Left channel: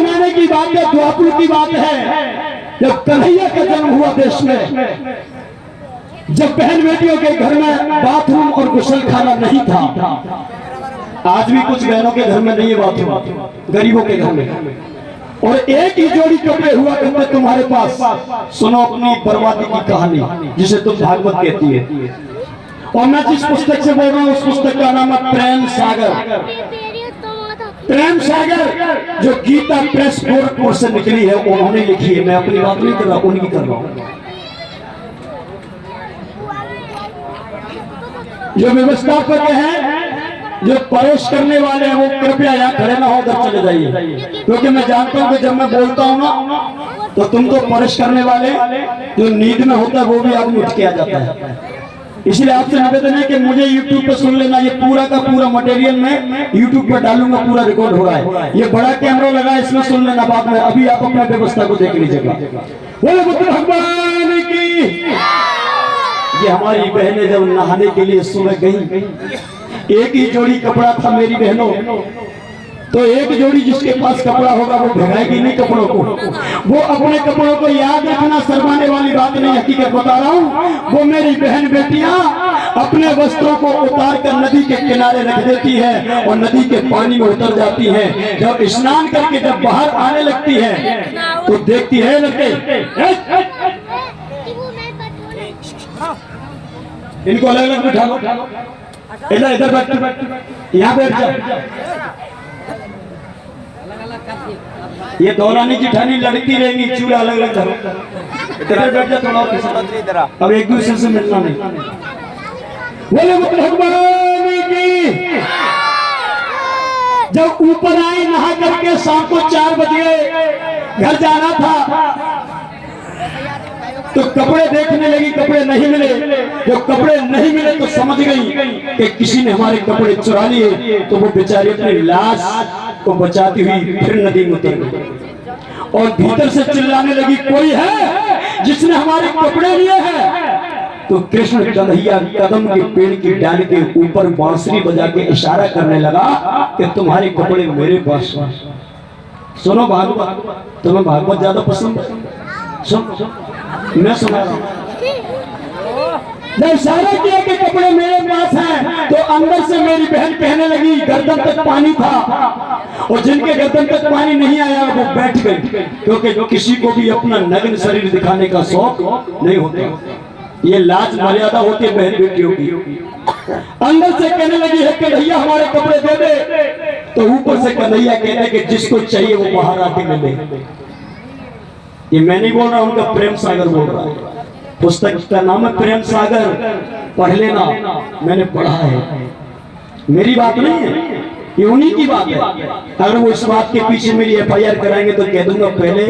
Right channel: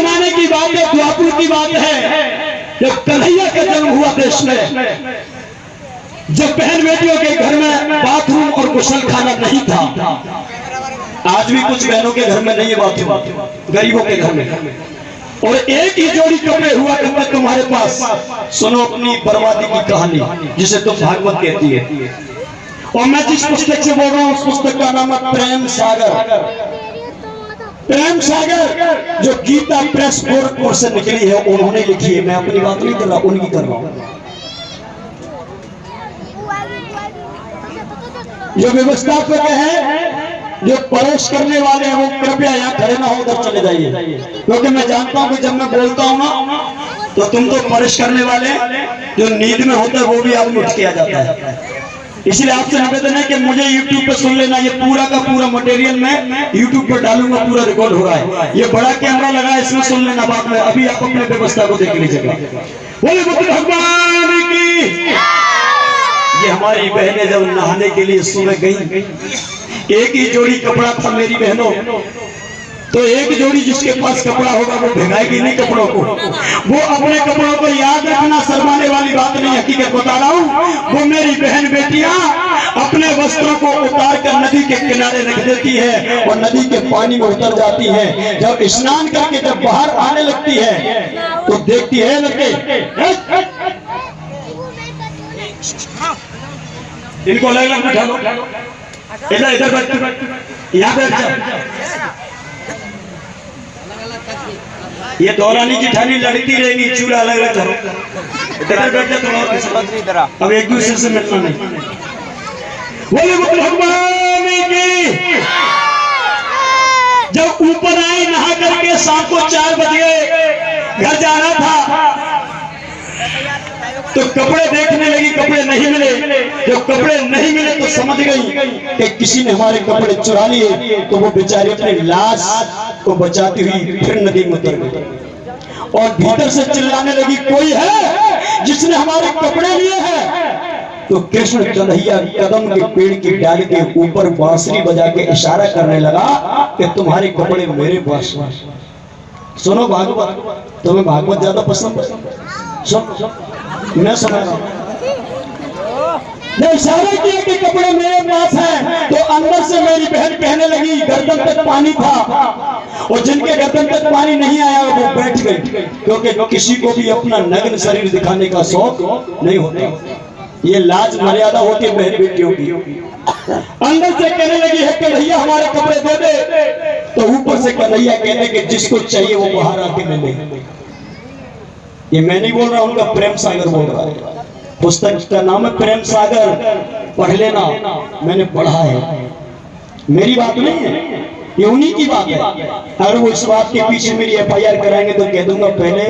जमाने की बात है, द्वापर की बात है, जब कन्हैया का जन्म हुआ देश में, जब बहन बेटियों के घर में बाथरूम और गुसल खाना नहीं था। आज भी कुछ बहनों के घर में नहीं है बाथरूम, गरीबों के घर में, और एक ही जोड़ी कपड़े हुआ करते तुम्हारे पास। सुनो अपनी बर्बादी की कहानी, जिसे तुम भागवत कहती है। और मैं जिस पुस्तक से बोल रहा हूँ उस पुस्तक का नाम है प्रेम सागर। प्रेम सागर जो गीता प्रेस गोरखपुर से निकली है, उन्होंने लिखी है। मैं अपनी बात नहीं कर रहा, उनकी कर रहा हूँ। जो व्यवस्थापक है, जो परोस करने वाले हैं, वो कृपया यहाँ खड़े ना हो, उधर चले जाइए, क्योंकि मैं जानता हूँ कि जब मैं बोलता हूँ ना तो तुम तो परोस करने वाले, जो नींद में होता है वो भी आदमी उठ के आ जाता है। इसलिए आपसे निवेदन है कि मुझे YouTube पे सुन लेना, ये पूरा का पूरा मटेरियल मैं YouTube पर डालूंगा, पूरा रिकॉर्ड होगा। ये बड़ा कैमरा लगा है, इसमें सुन लेना बाद में। अभी आप अपने व्यवस्था को देख लीजिएगा। बोले बुद्ध भगवान की। ये हमारी बहनें जब नहाने के लिए सुबह गई, एक ही जोड़ी कपड़ा था मेरी बहनों, तो एक जोड़ी जिसके पास कपड़ा होगा वो भिगाएगी नहीं कपड़ों को, वो अपने कपड़ों को याद रखना, शर्माने वाली बात नहीं, हकीकत बता रहा हूँ। वो मेरी बहन बेटियां अपने वस्त्रों को उतार कर नदी के किनारे रख देती है और नदी के पानी में उतर जाती है। जब स्नान करके जब बाहर आने लगती है तो देखती है लड़के, इनको अलग अलग बिठा लो, इधर इधर बैठ, यहाँ बैठ जाओ। ये दौरानी जिठानी लड़ती रहेगी, चूड़ा अलग अलग धरो, इधर बैठ जाओ थोड़ा और, अब एक दूसरे से मिलना नहीं। बोले भगवान की। जब ऊपर आई नहा करके, शाम को 4 बजे घर जा रहा था, तो कपड़े देखने लगी, कपड़े नहीं मिले। जब कपड़े नहीं मिले तो समझ गई कि किसी ने हमारे कपड़े चुरा लिए। तो वो बेचारी अपनी लाश को बचाती हुई फिर नदी में उतर गई और भीतर से चिल्लाने लगी, कोई है जिसने हमारे कपड़े लिए हैं? तो कृष्ण कन्हैया कदम के पेड़ की डाली के ऊपर बांसुरी बजा के इशारा करने लगा कि तुम्हारे कपड़े मेरे पास। सुनो भागवत, तुम्हें भागवत ज्यादा पसंद है? सुन, मैं सुना रहा हूं। जब इशारा किया कि कपड़े मेरे पास हैं, तो अंदर से मेरी बहन कहने लगी, गर्दन तक पानी था, और जिनके गर्दन तक पानी नहीं आया वो बैठ गए, क्योंकि किसी को भी अपना नग्न शरीर दिखाने का शौक नहीं होता। ये लाज मर्यादा होती है बहन बेटियों की। अंदर से कहने लगी है कन्हैया हमारे कपड़े दे दे, तो ऊपर से कन्हैया कहने के जिसको चाहिए वो बाहर आके मिले। ये मैं नहीं बोल रहा, उनका प्रेम सागर बोल रहा है। पुस्तक का नाम है प्रेम सागर, पढ़ लेना, मैंने पढ़ा है, मेरी बात नहीं है, ये उन्हीं की बात है। अगर वो इस बात के पीछे मेरी FIR कराएंगे तो कह दूंगा पहले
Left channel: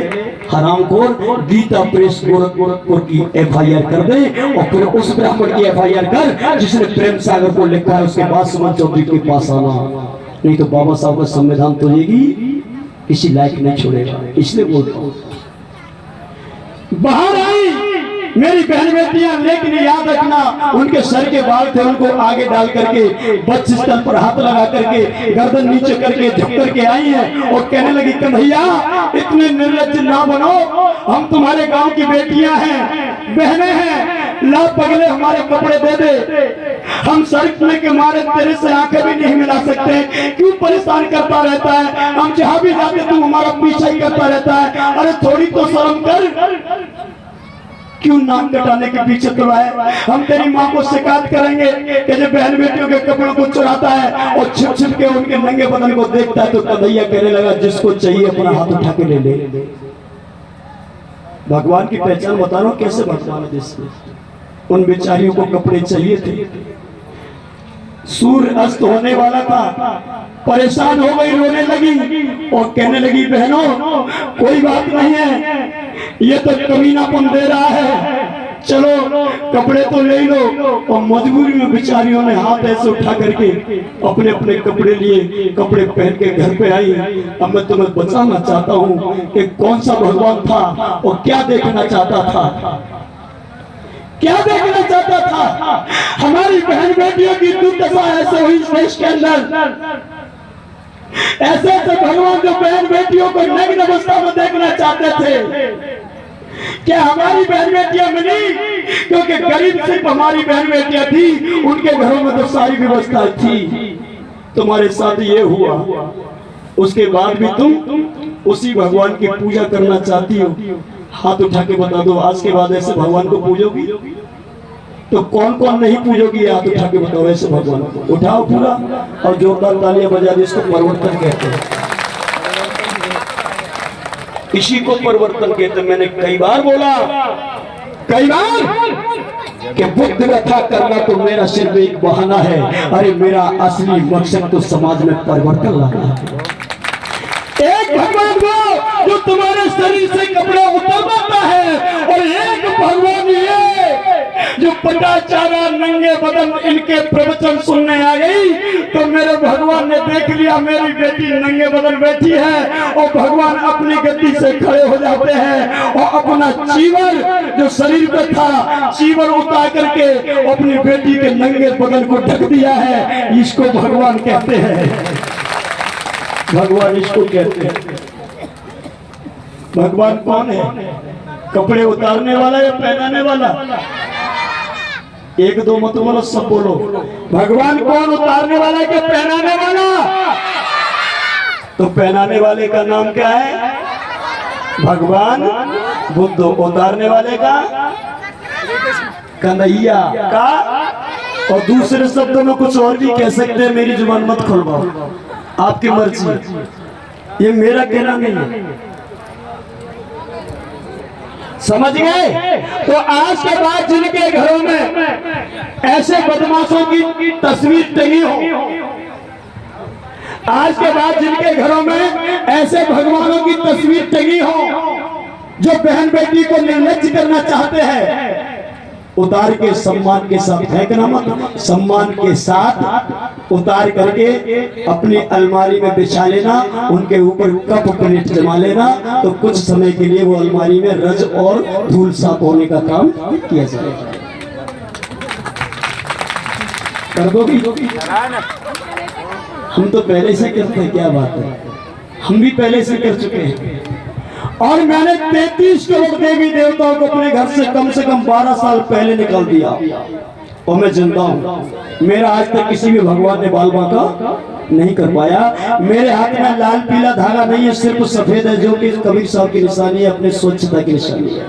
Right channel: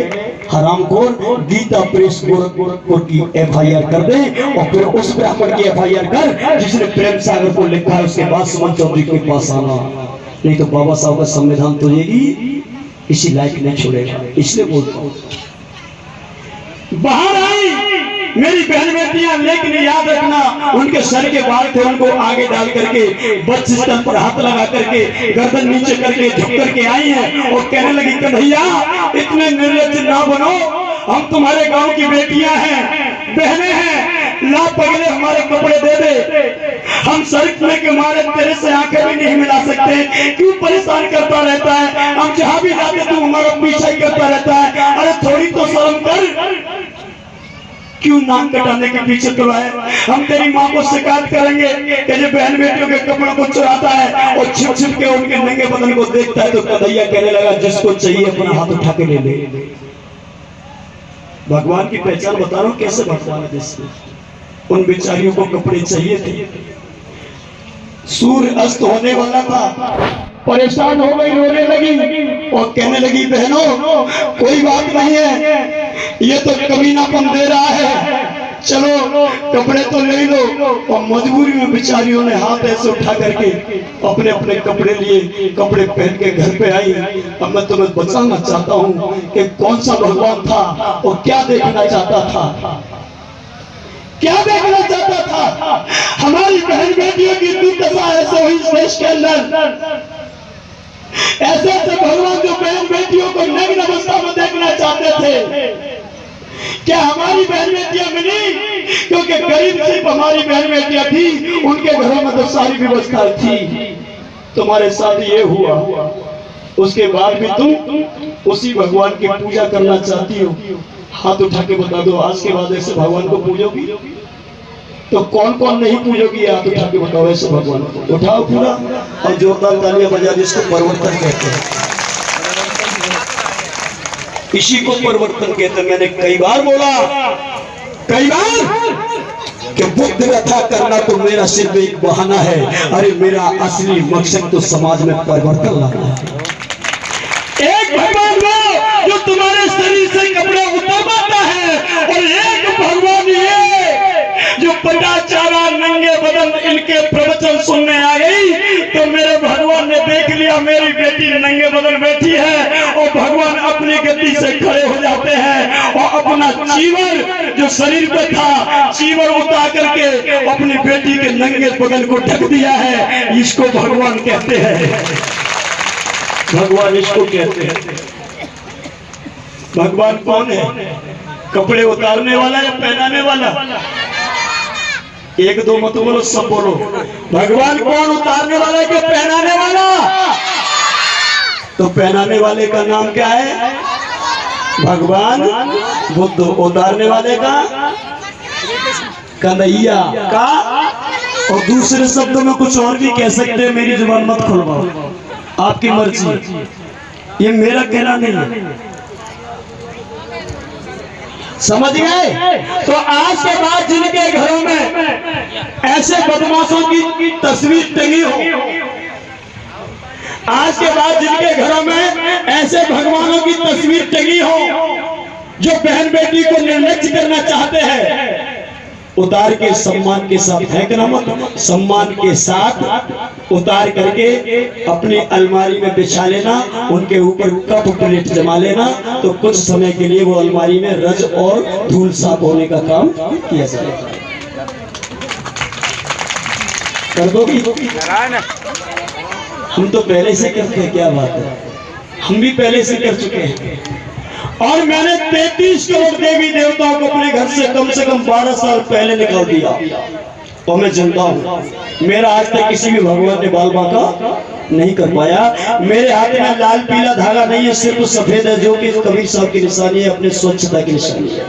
हरामखोर गीता प्रेस गोरखपुर की FIR कर दे, और फिर उस ब्राह्मण की FIR कर जिसने प्रेम सागर को लिखा है, उसके बाद सुमन चौधरी के पास आना, नहीं तो बाबा साहब का संविधान तुझेगी किसी लायक नहीं छोड़ेगा। इसलिए बोलता हूँ। बाहर आई मेरी बहन बेटियां, लेकिन याद रखना उनके सर के बाल थे, उनको आगे डाल करके बच्चे स्तन पर हाथ लगा करके गर्दन नीचे करके झुक करके आई हैं और कहने लगी कन्हैया इतने निर्लज्ज ना बनो, हम तुम्हारे गांव की बेटियां हैं, बहनें हैं, ला पगले हमारे कपड़े दे दे। हम सड़क में के मारे तेरे से आंखें भी नहीं मिला सकते, क्यों परेशान करता रहता है? हम जहां भी जाते तू हमारा पीछा ही करता रहता है। अरे थोड़ी तो शर्म कर, क्यों नाक कटाने के पीछे करवाए? हम तेरी माँ को शिकायत करेंगे कि जो बहन बेटियों के कपड़ों को चुराता है और छिप छिप के उनके नंगे बदन को देखता है। तो कन्हैया कहने लगा जिसको चाहिए अपना हाथ उठा के ले ले। भगवान की पहचान बता रहा हूं कैसे भगवान है। जिसको उन बेचारियों को कपड़े चाहिए थे, सूर्य अस्त होने वाला था, परेशान हो गई, रोने लगी और कहने लगी बहनों कोई बात नहीं है, ये तो कमीनापन दे रहा है, चलो कपड़े तो ले लो। और मजबूरी में बेचारियों ने हाथ ऐसे उठा करके अपने अपने कपड़े लिए, कपड़े पहन के घर पे आई। अब मैं तुम्हें बताना चाहता हूँ कि कौन सा भगवान था और क्या देखना चाहता था, क्या देखना चाहता था। हमारी बहन बेटियों की दुर्दशा ऐसे हुई इस देश के अंदर, ऐसे ऐसे भगवान जो बहन बेटी बेटियों को नग्न अवस्था में देखना चाहते थे। क्या हमारी बहन बेटियां मिली? क्योंकि गरीब सिर्फ हमारी बहन बेटियां थी, उनके घरों में तो सारी व्यवस्था थी। तुम्हारे साथ ये हुआ, उसके बाद भी तुम उसी भगवान की पूजा करना चाहती हो। हाथ उठा के बता दो, आज के बाद ऐसे भगवान को पूजोगी? तो कौन कौन नहीं पूजोगी? हाथ उठा के बताओ ऐसे भगवान को। उठाओ पूरा और जोरदार तालियां बजा दो। इसको परिवर्तन कहते हैं, इसी को परिवर्तन कहते हैं। मैंने कई बार बोला, कई बार, कि बुद्ध व्यथा करना तो मेरा सिर्फ एक बहाना है। अरे मेरा असली मकसद तो समाज में परिवर्तन लाना है। एक भगवान वो जो तुम्हारे शरीर से कपड़े उतारता है, और एक भगवान ये जो पटाचारा नंगे बदन इनके प्रवचन सुनने आ गई। तो मेरे भगवान ने देख लिया मेरी बेटी नंगे बदन बैठी है, और भगवान अपनी गद्दी से खड़े हो जाते हैं और अपना चीवर जो शरीर पे था, चीवर उतार करके अपनी बेटी के नंगे बदन को ढक दिया है। इसको भगवान कहते हैं, भगवान इसको कहते हैं। भगवान कौन है? कपड़े उतारने वाला या पहनाने वाला? एक दो मत बोलो, सब बोलो। भगवान कौन, उतारने वाला कि पहनाने वाला? तो पहनाने वाले का नाम क्या है? भगवान बुद्ध। उतारने वाले का कन्हैया का। और दूसरे शब्दों में कुछ और भी कह सकते हैं, मेरी जुबान मत खुलवाओ, आपकी मर्जी, ये मेरा कहना नहीं है। समझ गए? तो आज के बाद जिनके घरों में ऐसे बदमाशों की तस्वीर टंगी हो, आज के बाद जिनके घरों में ऐसे भगवानों की तस्वीर टंगी हो जो बहन बेटी को निर्लज्ज करना चाहते हैं, उतार के सम्मान के साथ फेंकना मत। सम्मान के साथ उतार करके अपनी अलमारी में बिछा लेना, उनके ऊपर कप प्लेट जमा लेना। तो कुछ समय के लिए वो अलमारी में रज और धूल साफ होने का काम किया जाएगा। कर दोगी? हम तो पहले से करते हैं, क्या बात है, हम भी पहले से कर चुके हैं। और मैंने 33 करोड़ देवी देवताओं को अपने घर से कम 12 साल पहले निकाल दिया, और मैं जिंदा हूँ। मेरा आज तक किसी भी भगवान ने बाल बांका नहीं कर पाया। मेरे हाथ में लाल पीला धागा नहीं है, सिर्फ सफेद है, जो कि कबीर साहब की निशानी है, अपने स्वच्छता की निशानी है।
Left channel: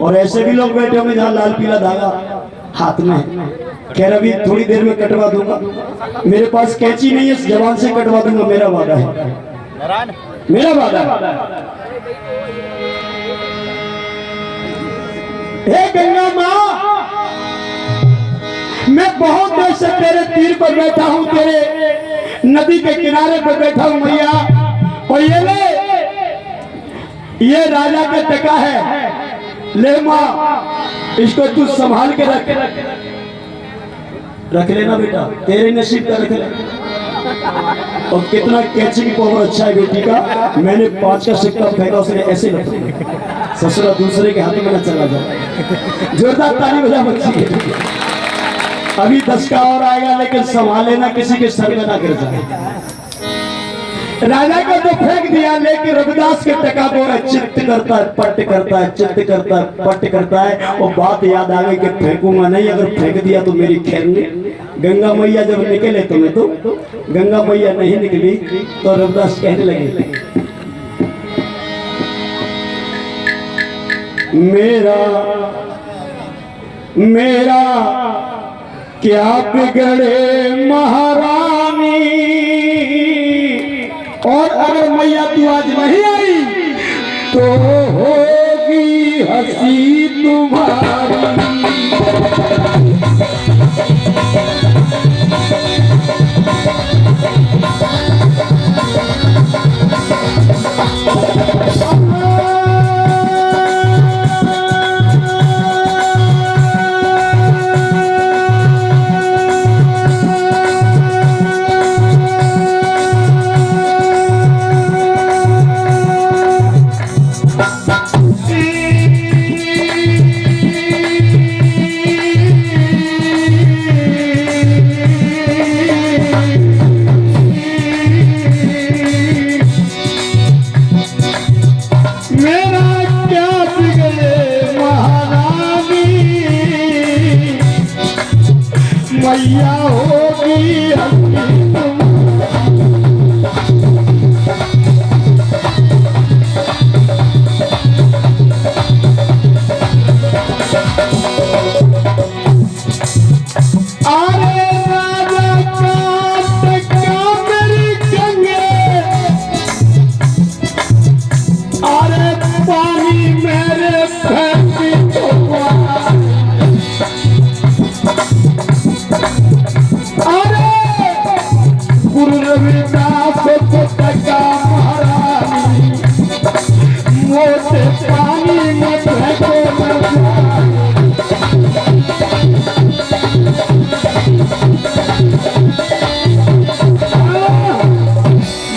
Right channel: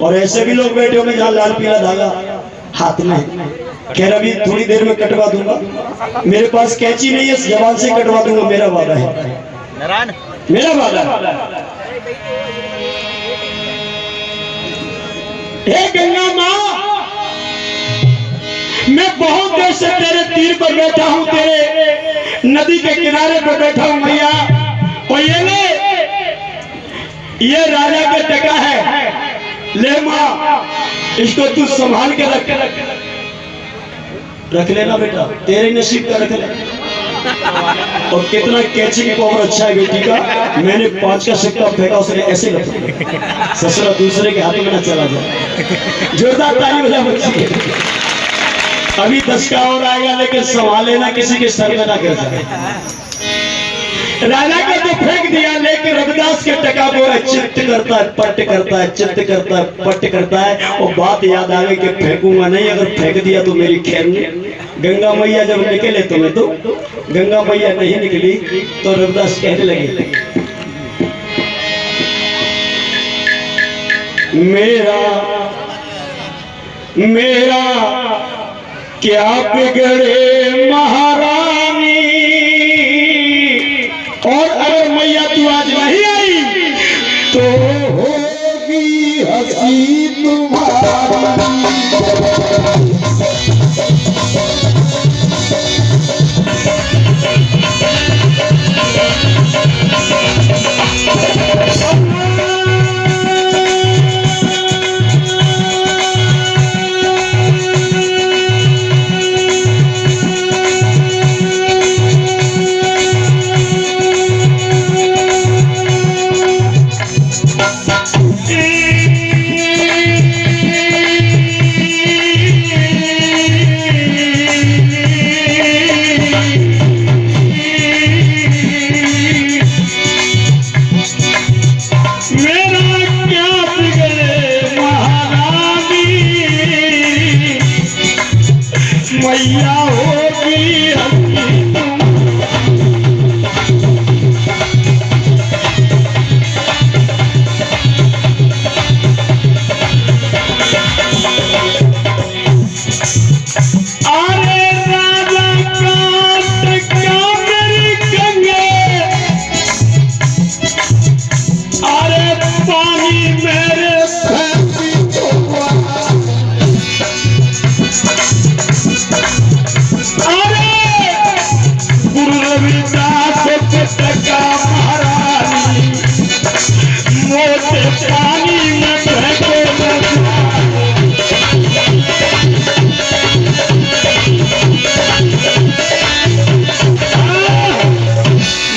और ऐसे भी लोग बैठे होंगे जहाँ लाल पीला धागा हाथ में है। खैर अभी थोड़ी देर में कटवा दूंगा, मेरे पास कैंची नहीं है, जवान से कटवा दूंगा, मेरा वादा है, मेरा वादा है। हे गंगा माँ, मैं बहुत देर से तेरे तीर पर बैठा हूँ, तेरे नदी के किनारे पर बैठा हूँ मैया। और ये ले, ये राजा का टका है, ले माँ, इसको तू संभाल के रख लेना बेटा, तेरे नसीब का रख लेना। और कितना कैची की पावर अच्छा है बेटी का। मैंने 5 का सिक्का फेंका, उसने ऐसे रखा, ससुरा दूसरे के हाथों में न चला जाए। जोरदार ताली बजा बच्ची। अभी 10 का और आएगा, लेकिन संभाल लेना, किसी के सर में ना गिर जाए। राजा का तो फेंक दिया, लेकिन रविदास के टका को चित्त करता है, पट्ट करता है, चित्त करता है, पट्ट करता है। और बात याद आ गई कि फेंकूंगा नहीं, अगर फेंक दिया तो मेरी खैर नहीं। गंगा मैया जब निकले तो मैं तो गंगा मैया नहीं निकली, तो रविदास कहने लगे, मेरा क्या बिगड़े महारानी, और अगर मैया तू आज नहीं आई तो होगी हंसी तुम्हारी। रविदास के टका महारानी मोटे पानी में फेंको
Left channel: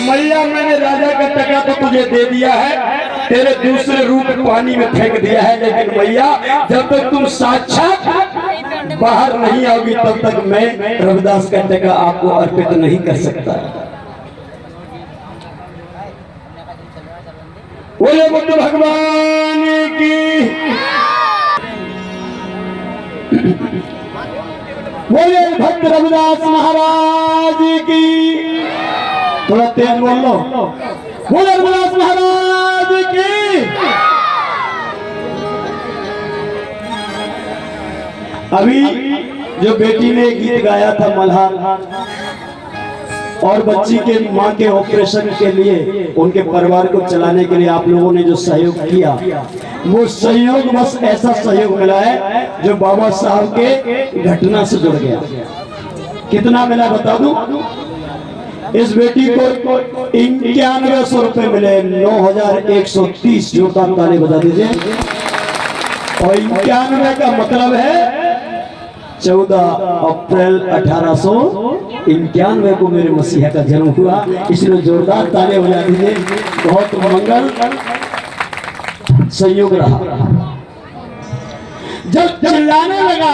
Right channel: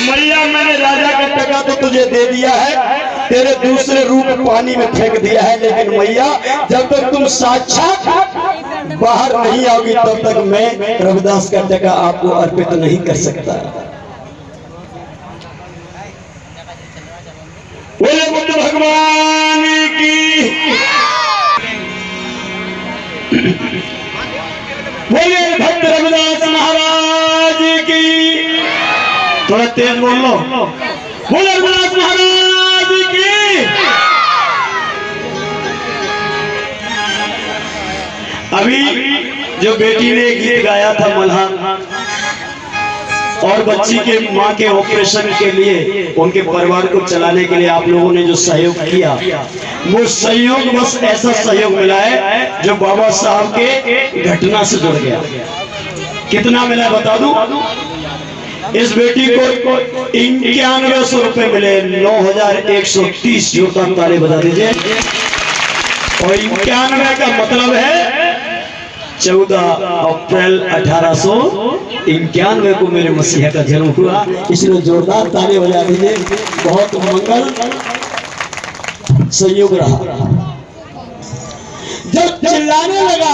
मैया मैंने राजा का टका तो तुझे दे दिया है, तेरे दूसरे रूप पानी में फेंक दिया है, लेकिन मैया जब तक तुम साक्षात बाहर नहीं आओगी तब तक मैं रविदास का टका आपको अर्पित नहीं कर सकता। बोले बुद्ध भगवान की, बोले भक्त रविदास महाराज की। थोड़ा तेज बोल लो। बोले रविदास महाराज की। अभी जो बेटी ने गीत गाया था मल्हार, और बच्ची के मां के ऑपरेशन के लिए उनके परिवार को चलाने के लिए आप लोगों ने जो सहयोग किया, वो सहयोग बस ऐसा सहयोग मिला है जो बाबा साहब के घटना से जुड़ गया। कितना मिला बता दूं? इस बेटी को 9100 रुपए मिले, 9130 जोरदार ताली बजा दीजिए। और 91 का मतलब है 14 अप्रैल 1891 को मेरे मसीहा का जन्म हुआ, इसलिए जोरदार ताली बजा दीजिए। बहुत मंगल संयोग रहा। जब चिल्लाने लगा,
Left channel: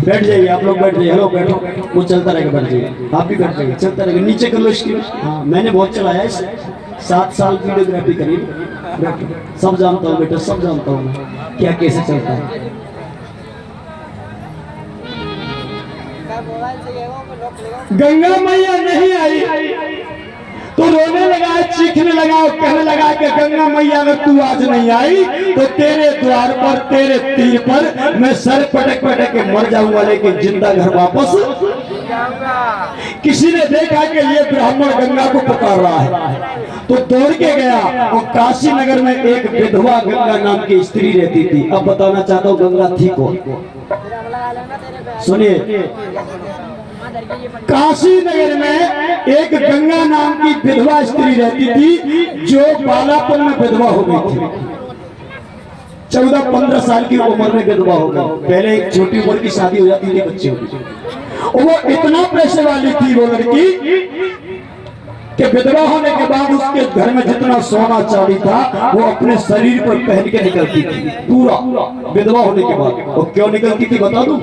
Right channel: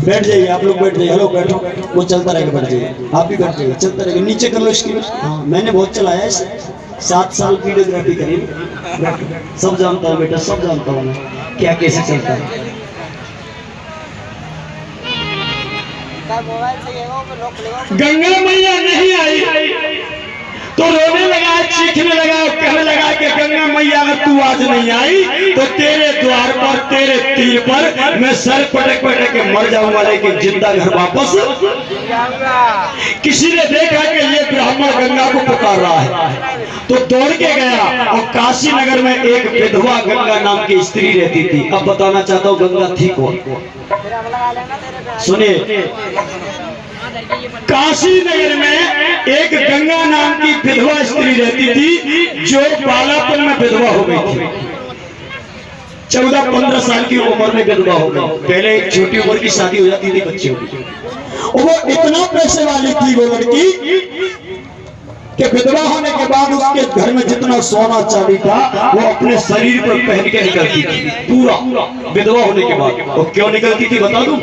बैठ जाइए आप लोग, बैठ जाइए। हेलो बैठो, वो चलता रहेगा, बैठ जाइए। आप भी बैठ जाइए, चलता रहेगा। नीचे कर लो इसकी। हाँ, मैंने बहुत चलाया है, 7 साल वीडियोग्राफी करी, सब जानता हूँ बेटा, सब जानता हूँ मैं क्या कैसे चलता है। गंगा मैया नहीं आई तो रोने लगा, चीखने लगा, कहने लगा कि गंगा मैया अगर तू आज नहीं आई तो तेरे द्वार पर, तेरे तीर पर मैं सर पटक पटक के मर जाऊंगा, लेकिन जिंदा घर वापस। किसी ने देखा कि ये ब्राह्मण गंगा को पुकार रहा है तो दौड़ के गया, और काशी नगर में एक विधवा गंगा नाम की स्त्री रहती थी। अब बताना चाहता हूँ गंगा थी कौन, सुनिए। काशी नगर में एक गंगा नाम की विधवा स्त्री रहती थी जो बालापन में विधवा हो गई थी। 14-15 साल की उम्र में विधवा हो गई। पहले एक छोटी उम्र की शादी हो जाती थी बच्चों की। वो इतना पैसे वाली थी वो लड़की कि विधवा होने के बाद उसके घर में जितना सोना चांदी था वो अपने शरीर पर पहन के निकलती थी, पूरा विधवा होने के बाद। और क्यों निकलती थी बता दूं?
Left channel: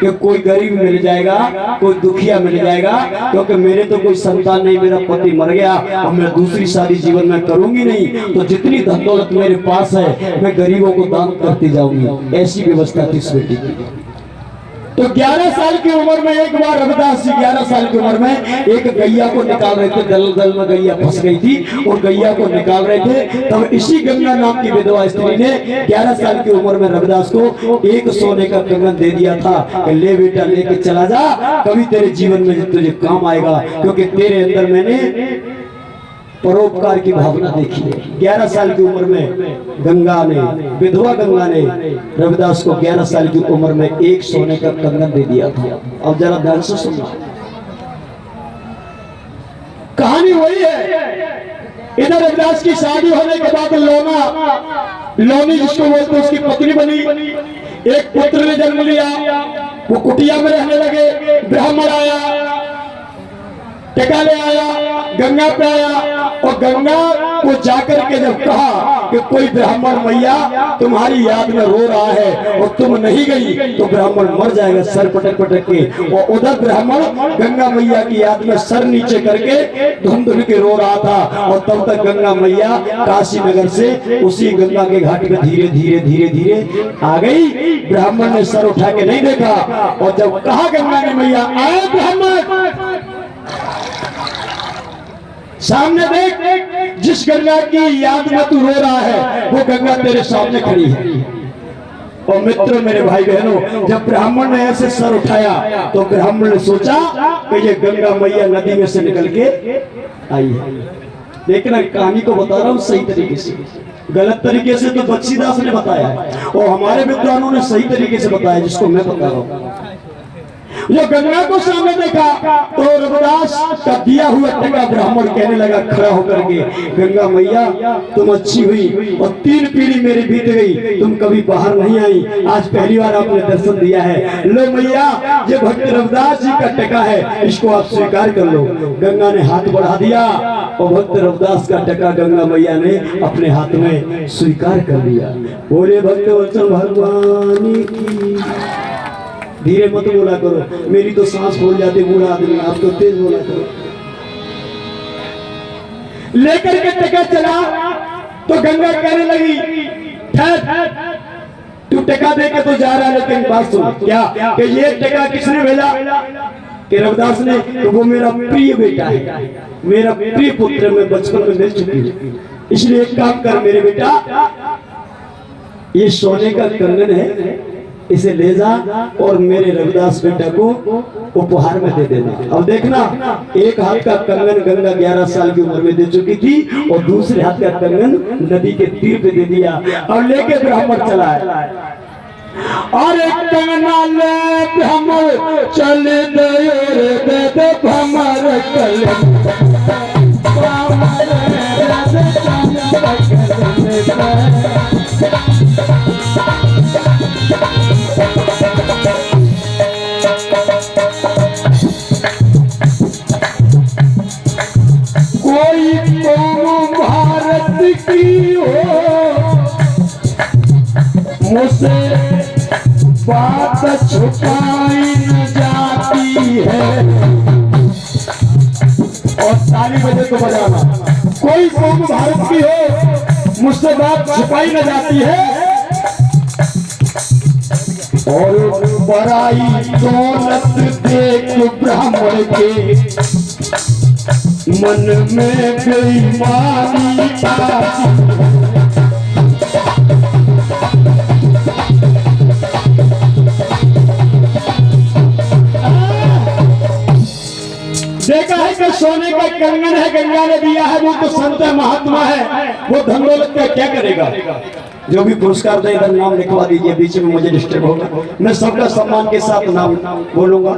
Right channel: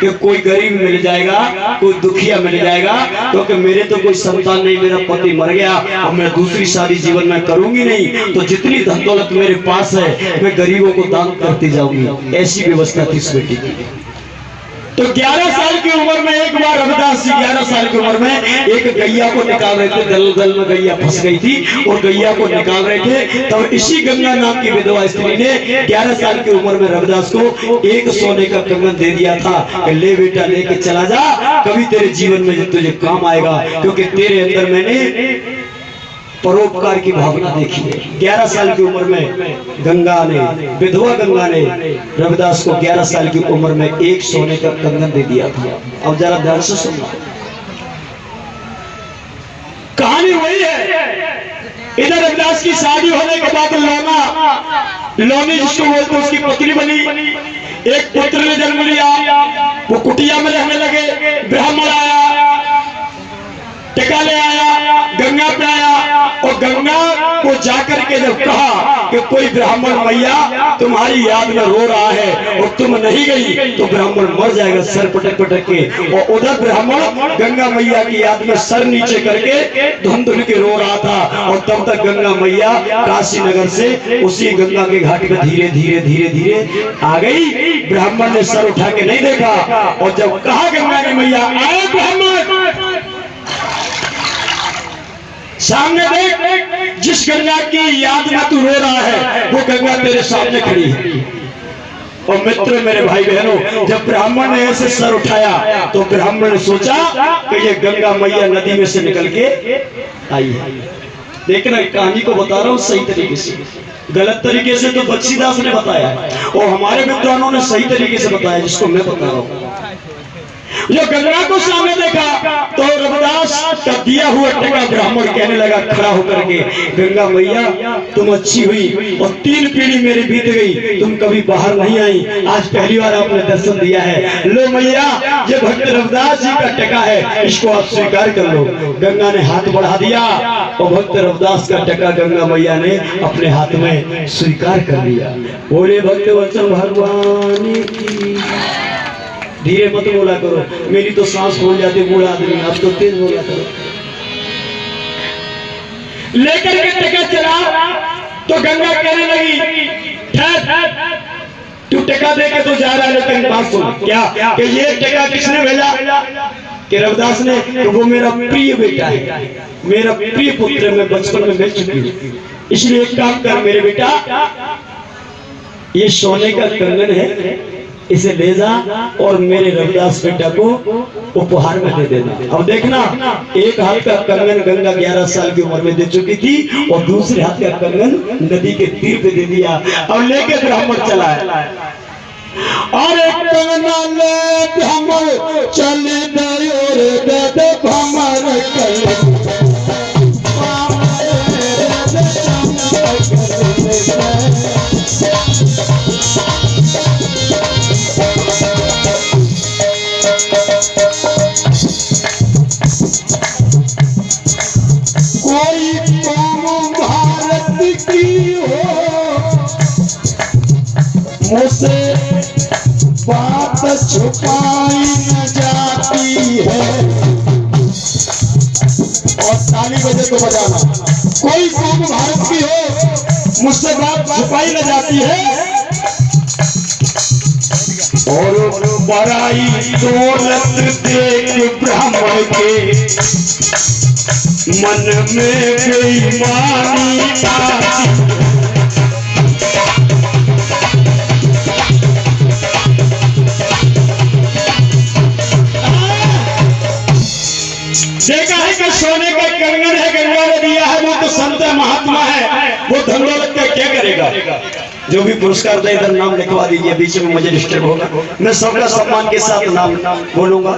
कि कोई गरीब मिल जाएगा, कोई दुखिया मिल जाएगा, क्योंकि मेरे तो कोई संतान नहीं, मेरा पति मर गया और मैं दूसरी शादी जीवन में करूंगी नहीं, तो जितनी धन दौलत मेरे पास है मैं गरीबों को दान करती जाऊंगी। ऐसी व्यवस्था थी इस बेटी की। तो 11 साल की उम्र में एक बार रविदास जी 11 साल की उम्र में एक गैया को निकाल रहे थे, दलदल में गैया फंस गई थी और गैया को निकाल रहे थे। तब इसी गंगा नाम की विधवा स्त्री ने 11 साल की उम्र में रविदास को एक सोने का कंगन दे दिया था, ले बेटा लेके चला जा, कभी तेरे जीवन में तुझे काम आएगा, क्योंकि तेरे अंदर मैंने परोपकार की भावना देखी है। 11 साल की उम्र में गंगा ने, विधवा गंगा ने रविदास को 11 साल की उम्र में एक सोने का कंगन दे दिया था। अब जरा ध्यान से सुनना, कहानी वही है। इधर रविदास की शादी होने के बाद लोनी जिसको बोलते उसकी पत्नी बनी, एक पुत्र ने जन्म लिया, वो कुटिया में रहने लगे। ब्राह्मण आया, टिका ले आया, गंगा पे आया, और गंगा को जाकर के जब कहा कि कोई ब्राह्मण मैया तुम्हारी याद में रो रहा है और तुम नहीं गई तो ब्राह्मण मर जाएगा, सर पटक पटक के। और उधर ब्राह्मण गंगा मैया की याद में सर नीचे करके धुन धुन के रो रहा था। और तब तक गंगा मैया काशी नगर से उसी गंगा के घाट पे धीरे धीरे धीरे धीरे आ गई। ब्राह्मण ने सर उठा के नहीं देखा, और जब कहा गंगा की मैया आए ब्राह्मण सामने देख, जिस गंगा की याद में तू रो रहा है वो गंगा तेरे सामने खड़ी है। और मित्र मेरे भाई बहनों, जब ब्राह्मण ने ऐसे सर उठाया तो ब्राह्मण ने सोचा कि ये गंगा मैया नदी में से निकल के आई है। देखना, कहानी को बता रहा हूँ सही तरीके से, गलत तरीके से तो बख्शीदास ने बताया और हमारे विद्वानों ने सही तरीके से बताया जिसको मैं बता रहा हूँ। जो गंगा को सामने देखा तो रविदास का दिया हुआ टका ब्राह्मण कहने लगा खड़ा होकर के, गंगा मैया तुम अच्छी हुई और 3 पीढ़ी मेरी बीत गई, तुम कभी बाहर नहीं आई, आज पहली बार आपने दर्शन दिया है। लो मैया ये भक्त रविदास जी का टका है, इसको आप स्वीकार कर लो। गंगा ने हाथ बढ़ा दिया और भक्त रविदास का टका गंगा मैया ने अपने हाथ में स्वीकार कर लिया। बोले भक्त वत्सल भगवान की। धीरे मत बोला करो, मेरी तो सांस फूल जाती, बूढ़ा आदमी, आप तो तेज बोला करो। लेकर के टका चला तो गंगा कहने लगी ठहर, तू टका दे के तो जा रहा है, लेकिन बात सुन, क्या कि ये टका किसने भेजा? कि रविदास ने। तो वो मेरा प्रिय बेटा है, मेरा प्रिय पुत्र, मैं बचपन में मिल चुकी हूँ, इसलिए एक काम कर मेरे बेटा, ये सोने का कंगन है, इसे ले जा और मेरे रविदास बेटा को उपहार में दे देना। अब देखना, एक हाथ का कंगन गंगा 11 साल की उम्र में दे चुकी थी और दूसरे हाथ का कंगन नदी के तीर पे दे दिया और लेके ब्राह्मण चला है। और एक कंगना ले ब्राह्मण चले मुझसे बात छुपाई न जाती है। और ताली बजे तो बजाना, कोई कौम भारत की हो मुझसे बात छुपाई न जाती है। और बड़ाई दौलत देख ब्राह्मण के मन में बेईमानी आती। देखा है कि सोने का कंगन है, गंगा ने दिया है, वो तो संत है, महात्मा है, वो धन दौलत का क्या करेगा? जो भी पुरस्कार दे इधर नाम लिखवा दीजिए, बीच में मुझे डिस्टर्ब होगा, मैं सबका सम्मान के साथ नाम बोलूंगा।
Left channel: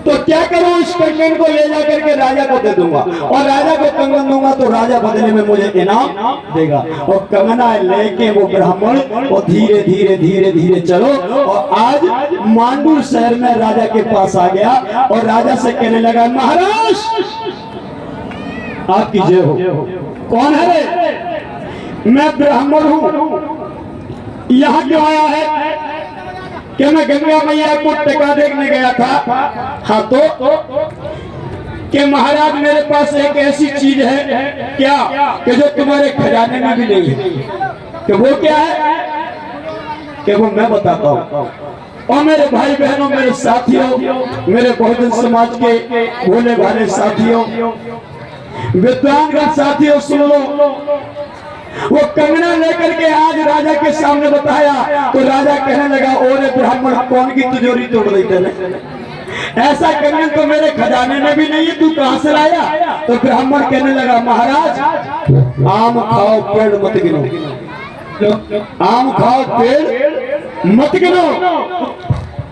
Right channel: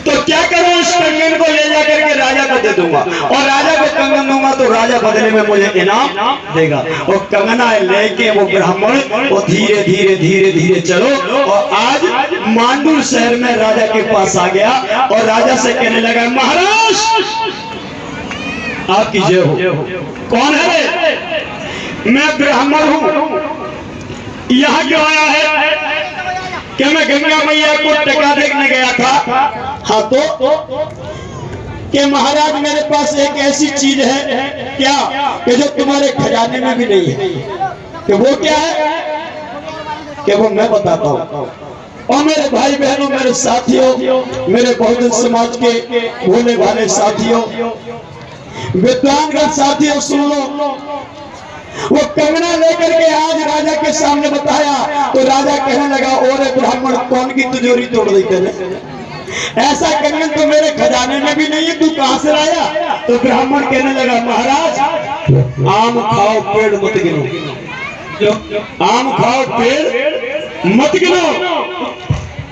तो क्या करूं, इस कंगन को ले जाकर के राजा को दे दूंगा और राजा को कंगन दूंगा तो राजा बदले में मुझे इनाम देगा। और कंगना लेके वो ब्राह्मण और धीरे धीरे धीरे धीरे चलो और आज मांडूर शहर में राजा के पास आ गया और राजा से कहने लगा, महाराज आपकी जय हो। कौन है? मैं ब्राह्मण हूं, यहाँ क्यों आया है? कि मैं गंगा मैया को टका देखने गया था। हाँ तो कि महाराज मेरे पास एक ऐसी चीज है क्या कि जो तुम्हारे खजाने में भी नहीं है। कि वो क्या है? कि वो मैं बताता हूँ। और मेरे भाई बहनों, मेरे साथियों, मेरे बहुजन समाज के भोले भाले साथियों, विद्वानगण साथियों, सुन लो। वो कंगना लेकर के आज राजा के सामने बताया तो राजा कहने लगा, और ब्राह्मण कौन की तिजोरी तोड़ देते हैं? ऐसा कंगन तो मेरे खजाने में भी नहीं, तू कहां से लाया? तो ब्राह्मण कहने लगा, महाराज आम खाओ पेड़ मत गिनो, आम खाओ पेड़ मत गिनो।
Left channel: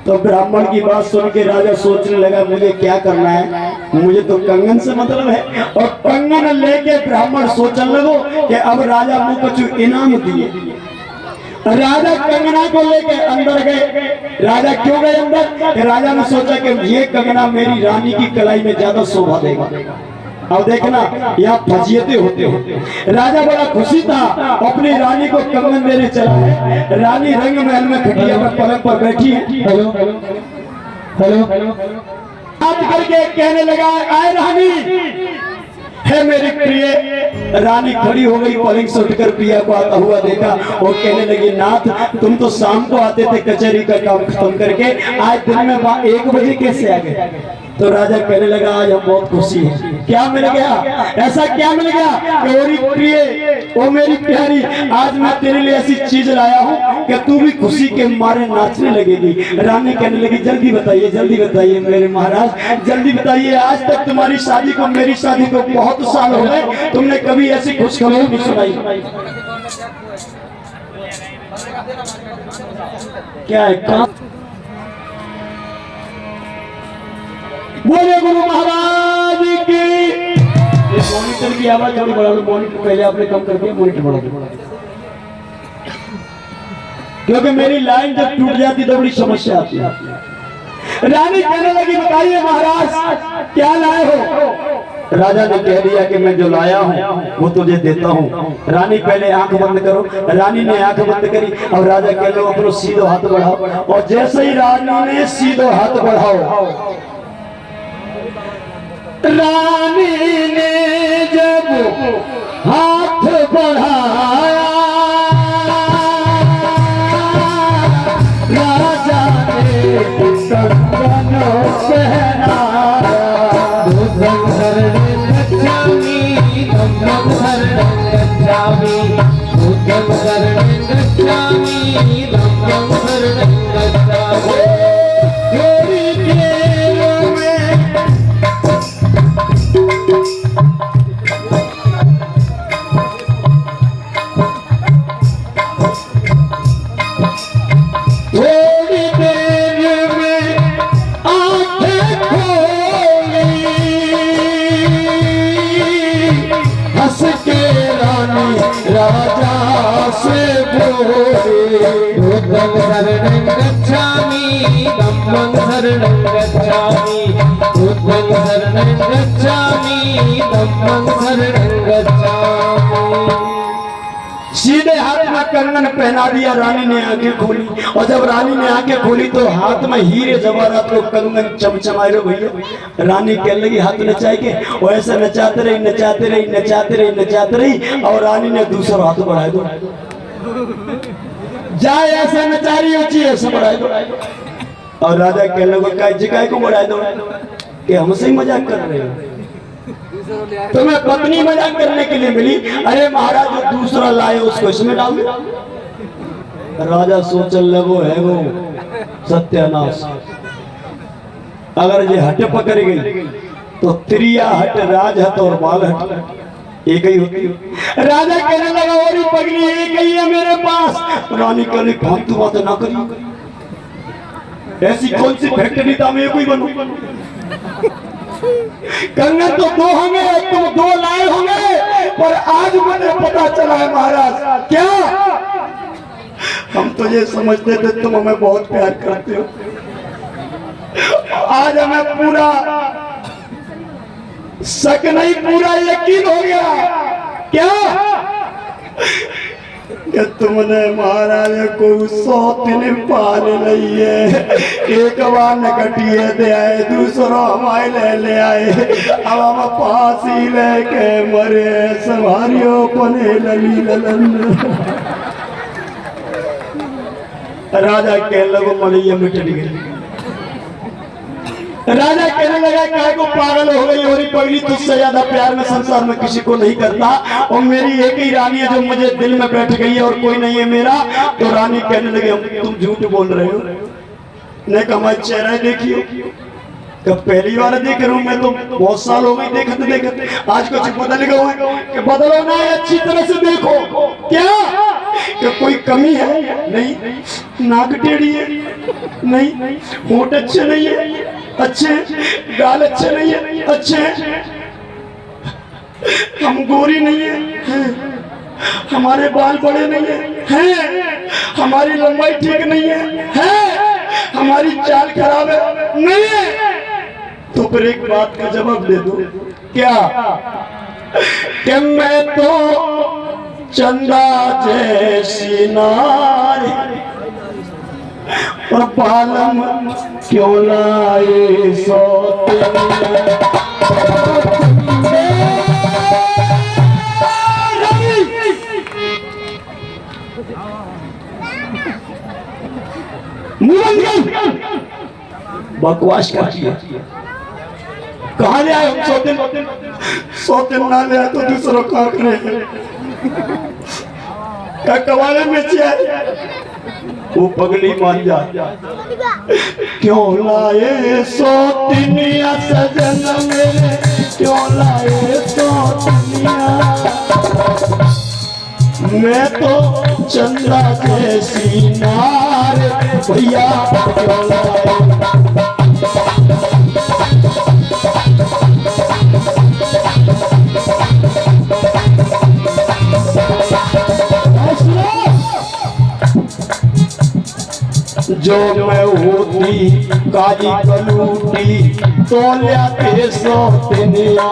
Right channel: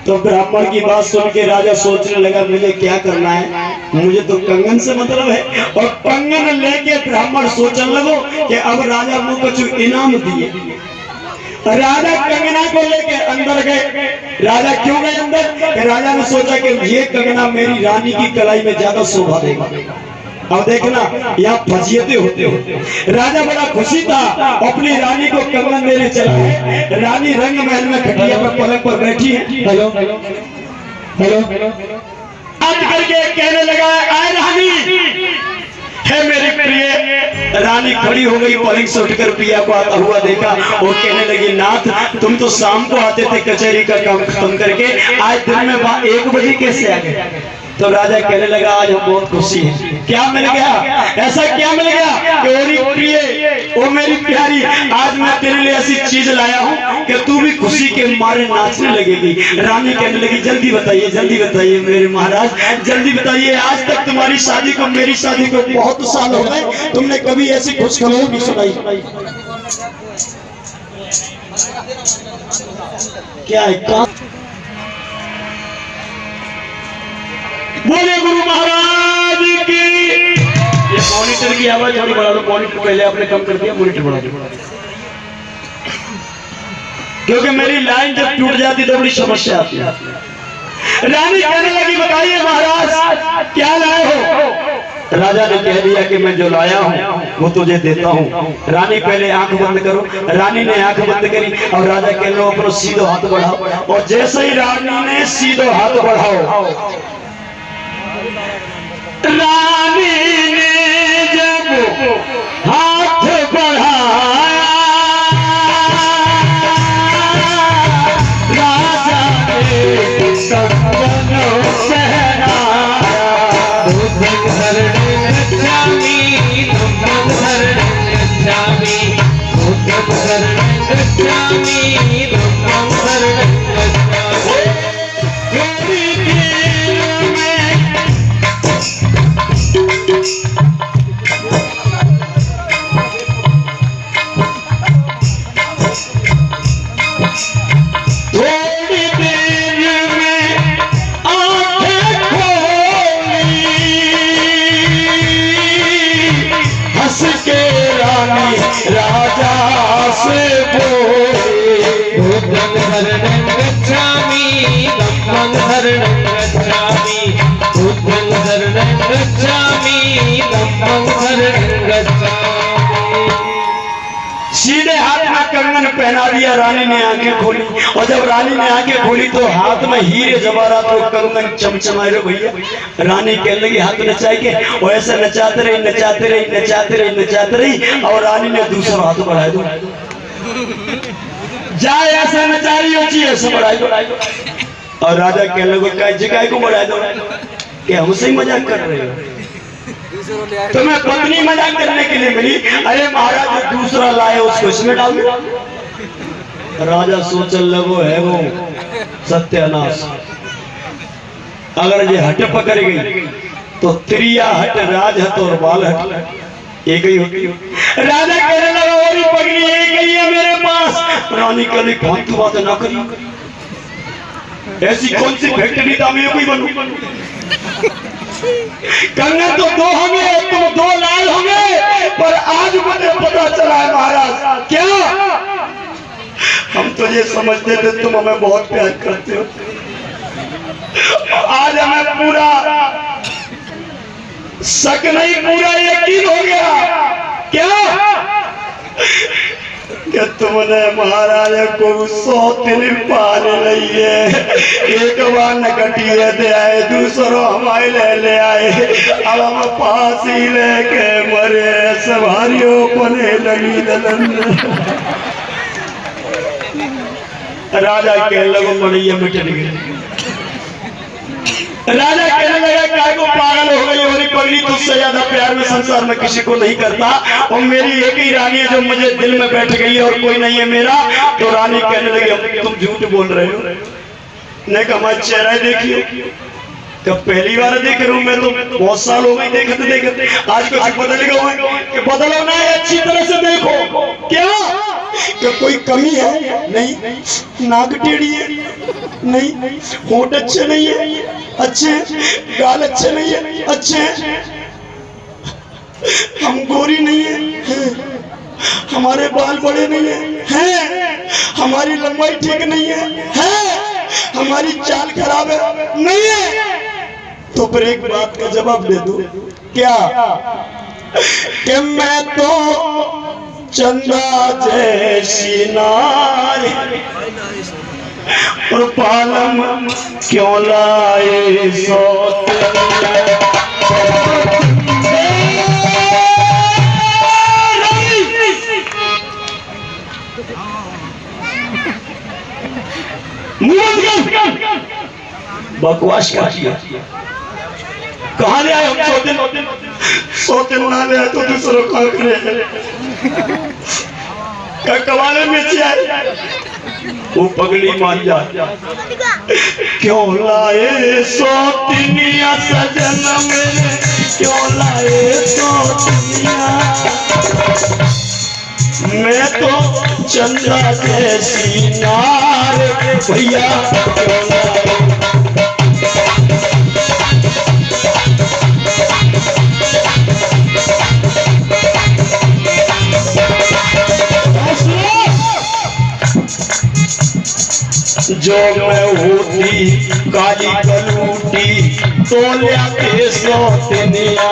तो ब्राह्मण की बात सुन के राजा सोचने लगा, मुझे क्या करना है, मुझे तो कंगन से मतलब है। और कंगन लेके ब्राह्मण सोचने लगो कि अब राजा मुझको कुछ इनाम दिए। राजा कंगना को लेके अंदर गए। राजा क्यों गए अंदर? राजा ने सोचा कि ये कंगना मेरी रानी की कलाई में ज्यादा शोभा देगा। अब देखना यहाँ फजीयतें होते हो। राजा बड़ा खुशी था, अपनी रानी को कंगन देने चला है। रानी रंग महल में खटिया पर पलंग पर बैठी है। हेलो हेलो हेलो आज करके कहने लगा, आए रानी है मेरी प्रिय। रानी खड़ी हो गई, पलंग से उठकर पिया को आता हुआ देखा और कहने लगी, नाथ तुम तो शाम को आते थे कचहरी का काम खत्म करके, आज दिन में 1 बजे कैसे आ गए? तो राजा कहने लगा, आज हम बहुत खुशी हैं। क्या मिल गया? ऐसा क्या मिल गया कि मेरी प्रिय, ओ मेरी प्यारी, आज मैं तेरे लिए ऐसी चीज लाया हूँ कि तू भी खुशी के मारे नाचने लगेगी। रानी कहने लगी, जल्दी बताइए मेरे महाराज, जल्दी बताइए। आज तक तुम्हारी शादी को, मेरी शादी को बहुत साल हो गए, तुमने कभी ऐसी खुशखबरी नहीं सुनाई। क्या है? बोले गुरु महाराज की। ये मॉनिटर की आवाज थोड़ी बढ़ा लो, मॉनिटर पहले आपने कम कर दिया, मॉनिटर बढ़ा दो, क्योंकि मेरी लाइन जब टूट जाती तो बड़ी समस्या आती है। रानी कहने लगी बताइए महाराज क्या लाए हो। राजा ने कह दिया कि मैं जो लाया हूँ वो तुझे देता हूँ। रानी पहले आंख बंद करो। रानी ने आंख बंद करी। अब राजा कह लो अपना सीधो हाथ बढ़ाओ। और जैसे ही रानी ने सीधो हाथ बढ़ाओ, रानी ने जब हाथ बढ़ाया, राजा ने कंगन पहनाया। धम्मं शरणं गच्छामि, धम्मं शरणं गच्छामि, बुद्धं शरणं गच्छामि, धम्मं शरणं गच्छामि। थोड़ी देर में सीधे हाथ में कंगन पहना दिया। रानी ने आंखें खोली, और जब रानी ने आंखें खोली तो हाथ में हीरे जवाहरात को कंगन चमचमाए रहे भैया। रानी कहने लगी हाथ नचाए के, और ऐसे नचाते रही नचाते रही नचाते रही नचाते रही, और रानी ने दूसरा हाथ बढ़ाया दो, जाए ऐसा नचा रही हो चाहिए ऐसा बढ़ाई दो। और राजा कहने लगा जगह को बढ़ाए दो कि हमसे ही मजाक कर रहे हो, तुम्हें पत्नी मजाक करने के लिए मिली। अरे महाराज जो दूसरा लाए उसको इसमें डाल दो। राजा सोचने लगो है वो सत्यानाश, अगर ये हट पकड़ गई तो त्रिया हट, राज हट और बाल हट एक ही होती। राजा कहने लगा और पगड़ी एक ही है मेरे पास। रानी कहने फालतू बात ना करी, ऐसी कौन सी फैक्ट्री था मैं कोई बनू। कंगन तो दो होंगे, तुम दो लाए होंगे, पर आज मुझे पता चला है महाराज क्या हम तो ये समझते थे तुम हमें बहुत प्यार करते हो, आज हमें पूरा शक नहीं पूरा यकीन हो गया कि तुमने महाराज को सौतन पाल रही है। एक बार नकटिए दे आए, दूसरों हमारे ले आए, अब हम फांसी लेके मरे, सवारियों पने लगी दलन। राजा के लोगों को ये मिट गई। राजा कहने लगा क्या को पागल हो गई, होनी पगड़ी तुझसे ज्यादा प्यार में संसार में किसी को नहीं करता, और मेरी एक ही रानी है जो मुझे दिल में बैठ गई है और कोई नहीं है मेरा। तो रानी कहने लगी तुम झूठ बोल रहे हो। ने कहा हमारा चेहरा देखियो, तो पहली बार देख रहा हूँ मैं, तो बहुत साल हो गए देखते देखते, आज कुछ बदल गया कि बदलो ना है, अच्छी तरह से देखो क्या कि कोई कमी है नहीं, नाक टेढ़ी है नहीं, होंठ अच्छे नहीं है अच्छे, गाल अच्छे नहीं है अच्छे, हम गोरी नहीं है, हमारे बाल बड़े नहीं है, हमारी लंबाई ठीक नहीं है, हमारी चाल खराब है नहीं है। तो फिर एक बात का जवाब दे दो क्या कि मैं तो चंदा जैसी नारी और पालम क्यों लाए बकवास क्या किया, कहा ले आए हम सौते ना ले आए तो दूसरों को क्या कवाले में वो पगड़ी मान जा क्यों लाए सौतनिया सजन मेरे, क्यों लाए सौतनिया, मैं तो चंद्रा जैसी नार भैया क्यों लाए। जो मैं होती काली कलूटी तो लियाते सोतनिया,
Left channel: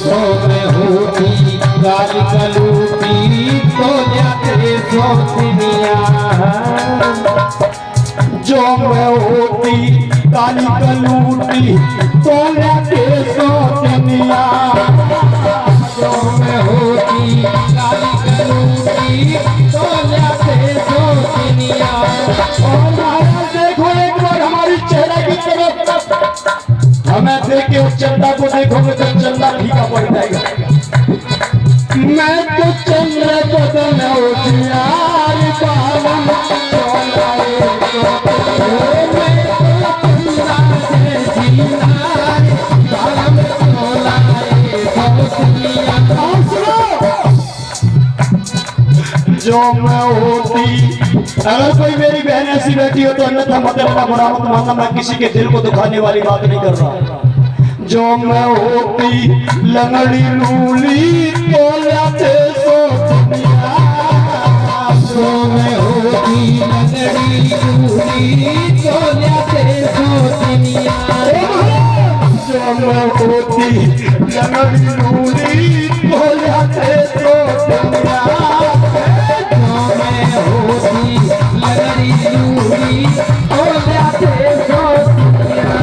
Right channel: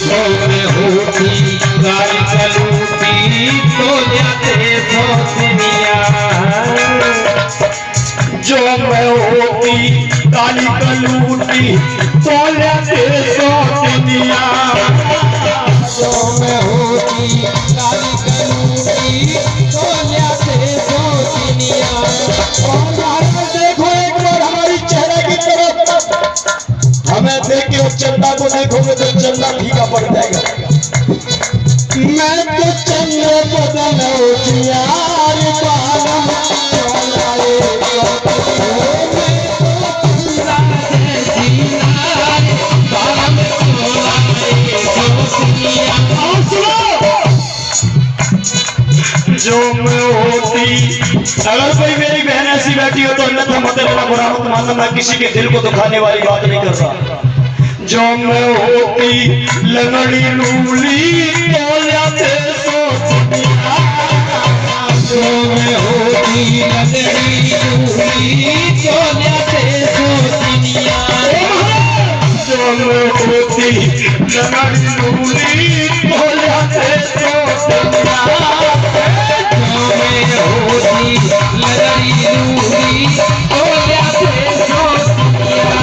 जो मैं होती काली कलूटी तो लियाते सोतनिया, जो मैं होती काली कलूटी तो लियाते सोतनिया, जो मैं होती काली कलूटी तो लियाते सोतनिया। और महाराज देखो एक बार हमारी चेहरे की तरफ, हमें देख के चंदा को देखोगे तो चंदा फीका पड़ जाएगा। मैं तो चंद्र बदन उजियार बालम जो मैं होती, अगर कोई मेरी बहन ऐसी बैठी हो तो अन्यथा मत लेना, बुरा मत मानना, मैं किसी के दिल को दुखाने वाली बात नहीं कर रहा। जो मैं होती लंगड़ी लूली तो लियाते सोतनिया, जो मैं होती लंगड़ी लूली तो लियाते सोतनिया, जो मैं होती लंगड़ी लूली तो लियाते सोतनिया, होती लंगड़ी लूली तो लियाते सोतनिया।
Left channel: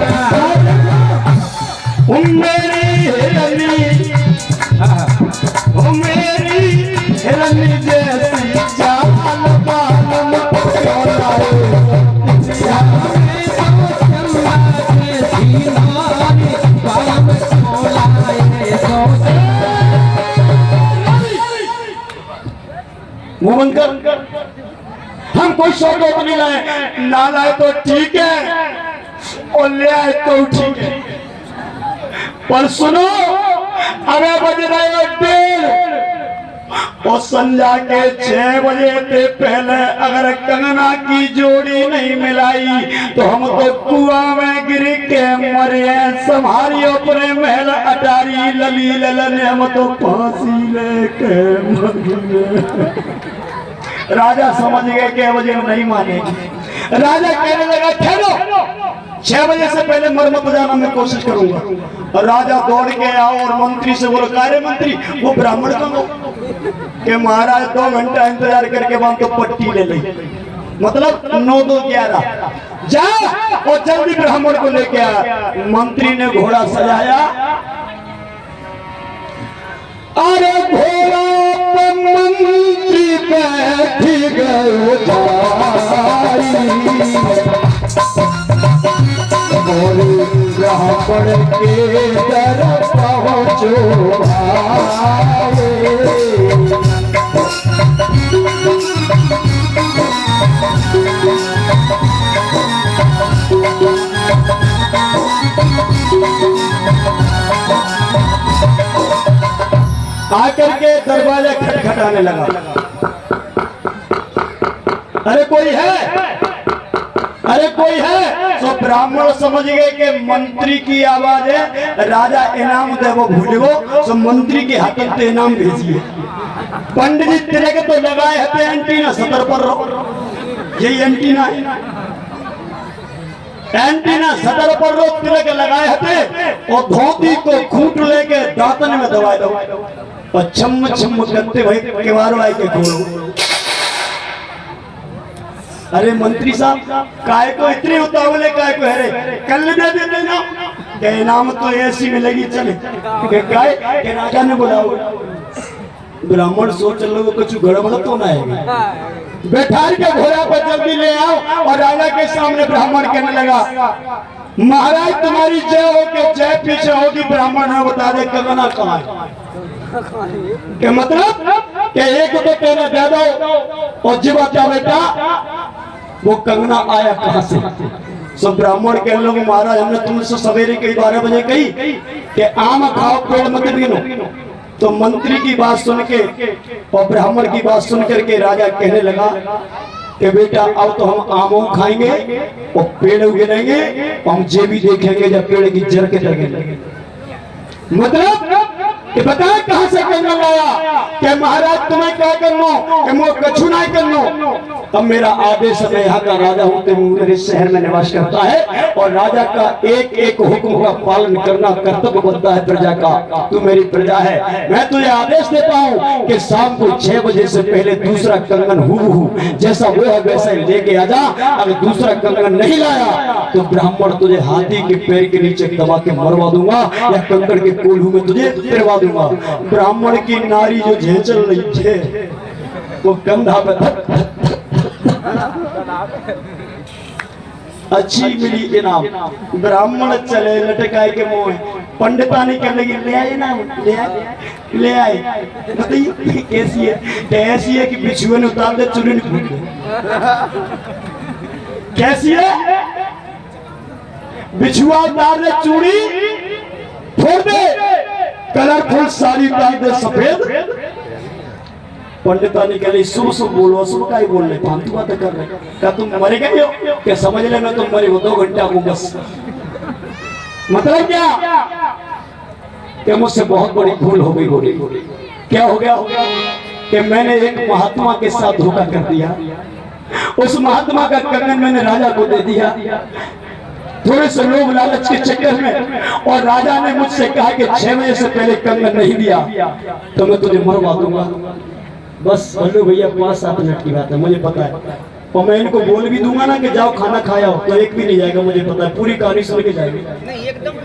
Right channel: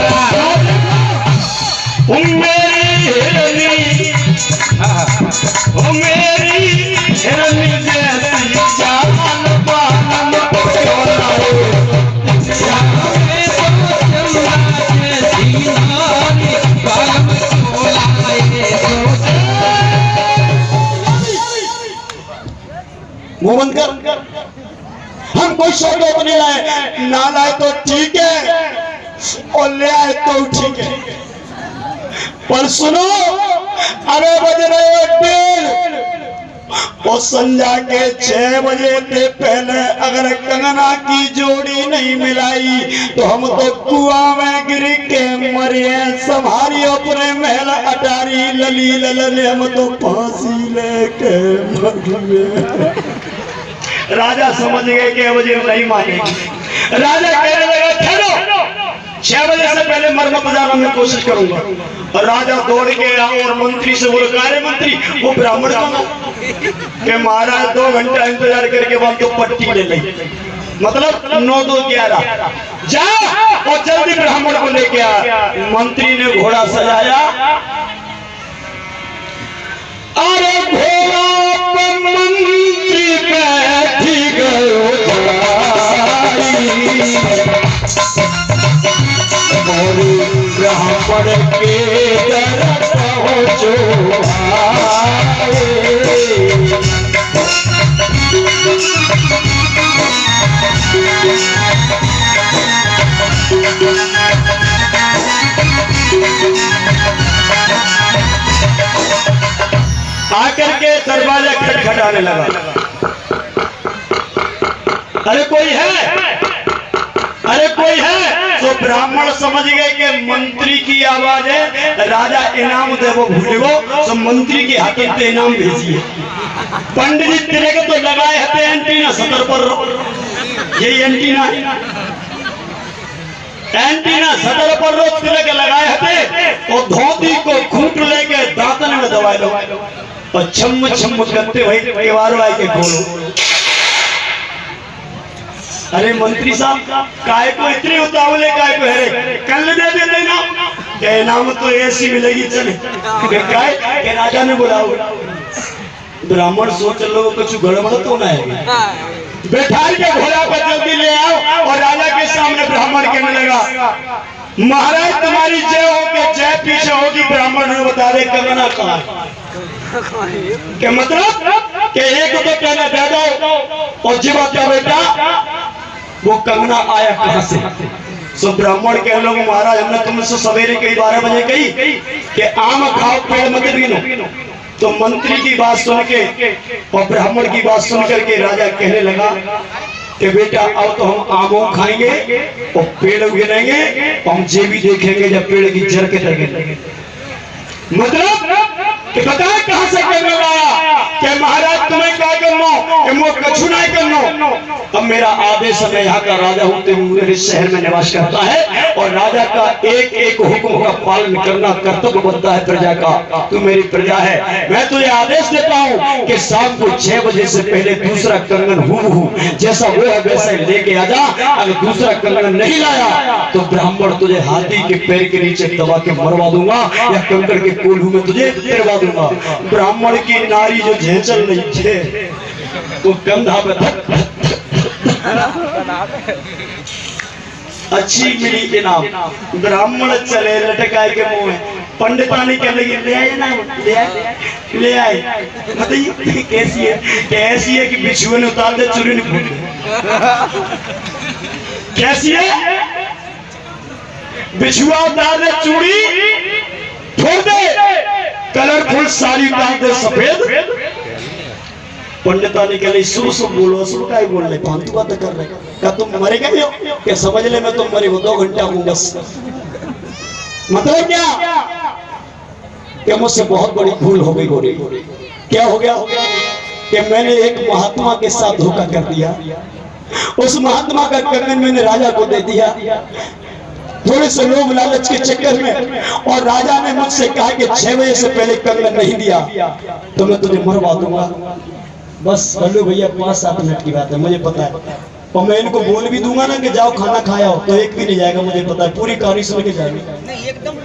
मेरी हिरनी जैसी जान बालम मोहन कर, हम कोई शौक नहीं लाए, ना लाए तो ठीक है और ले आए तो ठीक है, पर सुनो अगर बज रहे डेढ़ और संध्या के 6 बजे के पहले अगर कंगना की जोड़ी नहीं मिलाई तो हम तो कुआं में गिर के मरिए, संभारी अपने महल अटारी लली ललन, हम तो फांसी लेके मरिए। राजा समझ गए कि वजीर नहीं मानेगी। राजा कहने लगा ठहरो, 6 बजे से पहले मर मत जाना, मैं कोशिश करूंगा। और राजा दौड़ के आया और मंत्री से बोला, कार्य मंत्री वो ब्राह्मण को कि महाराज 2 घंटा इंतजार करके बाद तो पट्टी ले ली, मतलब 9-2-11, जा और जल्दी ब्राह्मण को लेके आ। मंत्री ने घोड़ा सजाया, अरे घोड़ा पर मंत्री बैठी गयो ब्राह्मण के दर पहुँचो आकर के दरवाजा खटखटाने लगा, अरे कोई है, अरे कोई है। तो ब्राह्मण समझ गए कि मंत्री की आवाज है, राजा इनाम दे वो भूल गो, तो मंत्री के हाथों से इनाम भेजिए। पंडित जी तेरे के तो लगाए हते एंटीना सतर पर, यही एंटीना सतर पर रोक तिलक लगाए हते और धोती को खूंट लेके दांतन में दबाए दो और छम छम करते वही केवार लाई के खोलो। अरे मंत्री साहब काय को इतने उतावले, काय को है, कल दे देते ना, क्या इनाम तो ऐसी मिलेगी चले, क्या राजा ने बुलाओ। ब्राह्मण सोच लो कुछ गड़बड़ तो ना है, बैठा के घोड़ा पर जल्दी ले आओ। और राजा के सामने ब्राह्मण कहने लगा, महाराज तुम्हारी जय हो के जय पीछे होगी। ब्राह्मण ने बता दे कंगना कहाँ है, क्या मतलब कि एक तो कहना दे दो और जीवा क्या बेटा वो कंगना आया कहां से। सब ब्राह्मण कह लोग, महाराज हमने तुमसे सवेरे कई 12 बजे कही कि आम खाओ पेड़ मत गिनो। तो मंत्री की बात सुन के और ब्राह्मण की बात सुन करके राजा कहने लगा कि बेटा आओ तो हम आमों खाएंगे और पेड़ गिरेंगे, हम ये भी देखेंगे जब पेड़ की जड़ के लगेंगे। मतलब कि बताए कहां से कंगन लाया कि महाराज तुम्हें क्या करना कि मुझे कछु नहीं करना। अब मेरा आदेश है, यहाँ का राजा हूं, तो मेरे शहर में निवास करता है और राजा का एक एक हुक्म का पालन करना कर्तव्य बनता है प्रजा का। तू मेरी प्रजा है, मैं तुझे आदेश देता हूँ कि शाम को 6 बजे से पहले दूसरा कंगन हूँ जैसा वो है वैसा लेके आ जा। अगर दूसरा कंगन नहीं लाया तो ब्राह्मण तुझे हाथी के पैर के नीचे दबा के मरवा दूंगा या कंकड़ के कोल्हू में तुझे गिरवा दूंगा। ब्राह्मण की नारी जो झेंचल रही थे वो कंधा पे अच्छी मिली इनाम। ब्राह्मण चले लटकाए के मुंह, पंडितानी के लगी ले आए ना, ले आए। बताइए कैसी है? कैसी है कि बिछुए ने उतार दे चुरी ने फूट दे। कैसी है? बिछुआ उतार दे चूड़ी फोड़ दे, कलरफुल साड़ी उतार दे सफेद। पंडितानी के लिए सुबह सुबह बोलो, सुबह का ही बोल रहे, फालतू बात कर रहे। क्या तुम मरे गए हो? क्या समझ ले मैं तुम मरे हो 2 घंटा हूँ बस। मतलब क्या कि मुझसे बहुत बड़ी भूल हो गई। गोरी क्या हो गया कि मैंने एक महात्मा के साथ धोखा कर दिया। उस महात्मा का कंगन मैंने राजा को दे दिया। थोड़े से लोग लालच के चक्कर में, और राजा ने मुझसे कहा कि 6 बजे से पहले कंगन नहीं दिया तो मैं तुझे मरवा दूंगा। बस बल्लू भैया 5-7 मिनट की बात है, मुझे पता है। और मैं इनको बोल भी दूंगा ना कि जाओ खाना खाया हो तो एक भी नहीं जाएगा, मुझे पता है। पूरी कहानी सुन के जाएंगे। नहीं एकदम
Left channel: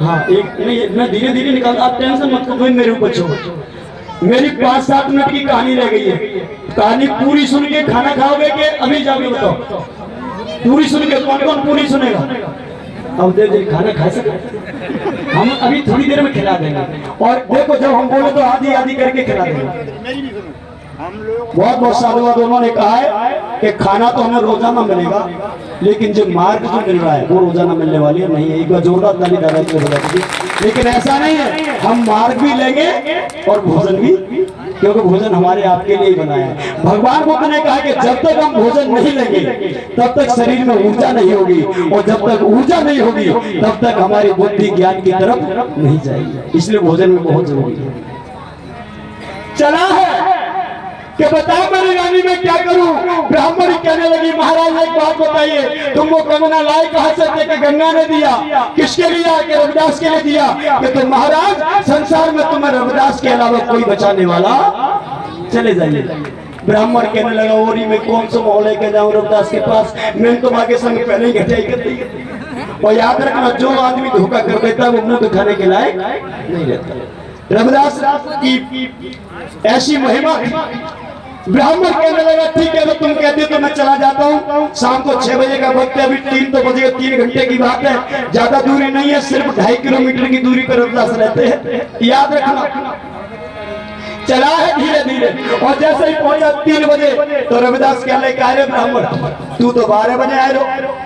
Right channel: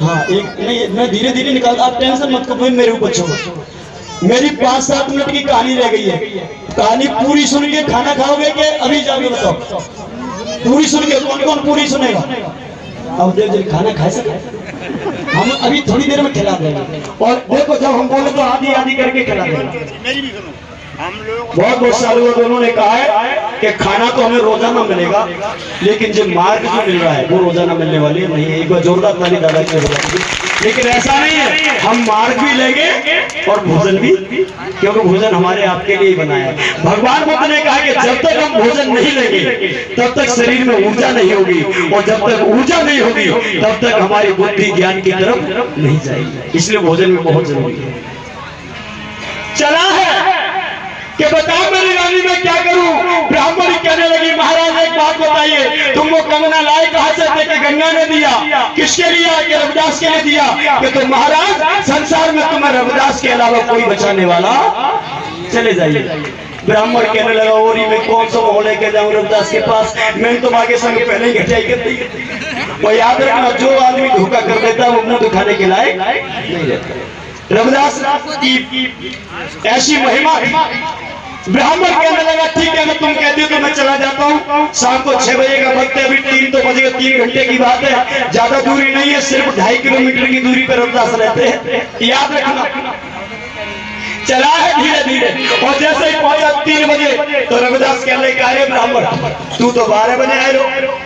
हाँ, एक नहीं, मैं धीरे धीरे निकालता, आप टेंशन मत करो, मेरे ऊपर छोड़ो। मेरी 5-7 मिनट की कहानी रह गई है। कहानी पूरी सुन के खाना खाओगे कि अभी जाके बताओ? पूरी सुन के कौन कौन पूरी सुनेगा? अब देख खाना खा सके, हम अभी थोड़ी देर में खिला देंगे। और देखो जब हम बोले तो आधी आधी करके खिला देंगे। हम लोग बहुत सालों बाद उन्होंने कहा है कि खाना तो हमें रोजाना मिलेगा, लेकिन जो मार्ग जो मिल रहा है वो रोजाना मिलने वाली नहीं है। एक बार जोरदार ताली दादा की हो जाती है। लेकिन ऐसा नहीं है, हम मार्ग भी लेंगे और भोजन भी, क्योंकि भोजन हमारे आपके लिए ही बनाया है। भगवान बुद्ध ने कहा कि जब तक हम भोजन नहीं लेंगे तब तक शरीर में ऊर्जा नहीं होगी, और जब तक ऊर्जा नहीं होगी तब तक हमारी बुद्धि ज्ञान की तरफ नहीं जाएगी। इसलिए भोजन में बहुत जरूरी है। चला है कि बताओ मेरी रानी में क्या करूं? ब्राह्मण कहने लगी, महाराज एक बात बताइए, तुमको कंगना लाए कहां से थे? कि गंगा ने दिया। किसके लिए? कि रविदास के लिए दिया। कि तुम महाराज संसार में तुम्हें रविदास के अलावा कोई बचाने वाला, चले जाइए। ब्राह्मण कहने लगा, ओरी में कौन सा मोहल्ले लेके जाऊं रविदास के पास? मैंने तो आगे संग पहले ही घटाई कर दी। और याद रखना, जो आदमी धोखा कर देता है वो मुंह दिखाने के लायक नहीं रहता। रविदास की ऐसी महिमा थी। ब्राह्मण कहने लगा, ठीक है मैं तुम कहती हो तो मैं चला जाता हूँ। शाम को 6 बजे का वक्त है, अभी 3 तो बजे, 3 घंटे की बात है, ज्यादा दूरी नहीं है, सिर्फ 2.5 किलोमीटर की दूरी पर रविदास रहते हैं, याद रखना। चला है धीरे धीरे, और जैसे ही पहुंचा 3 बजे तो रविदास कहने लगा, अरे ब्राह्मण तू तो 12 बजे आए हो,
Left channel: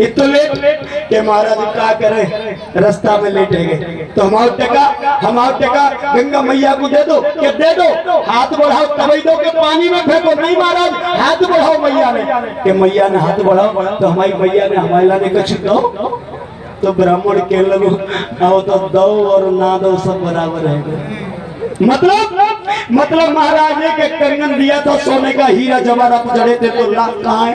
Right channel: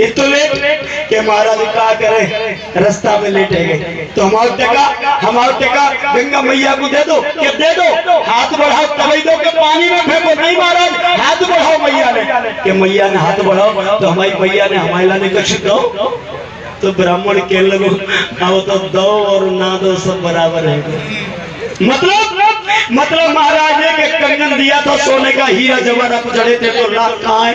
इतना लेट के महाराज क्या करे, रास्ता में लेटे गए। तो हमारा टेका गंगा मैया को दे दो, कि दे दो, हाथ बढ़ाओ तभी दो, के पानी में फेंको। नहीं महाराज, हाथ बढ़ाओ मैया ने, कि मैया ने हाथ बढ़ाओ तो हमारी मैया ने हमारे लाने कुछ दो। तो ब्राह्मण के लगो, आओ तो दो और ना दो सब बराबर है। मतलब महाराज ने के कंगन दिया था सोने का, हीरा जवाहरात जड़े थे तो लाख कहाँ है?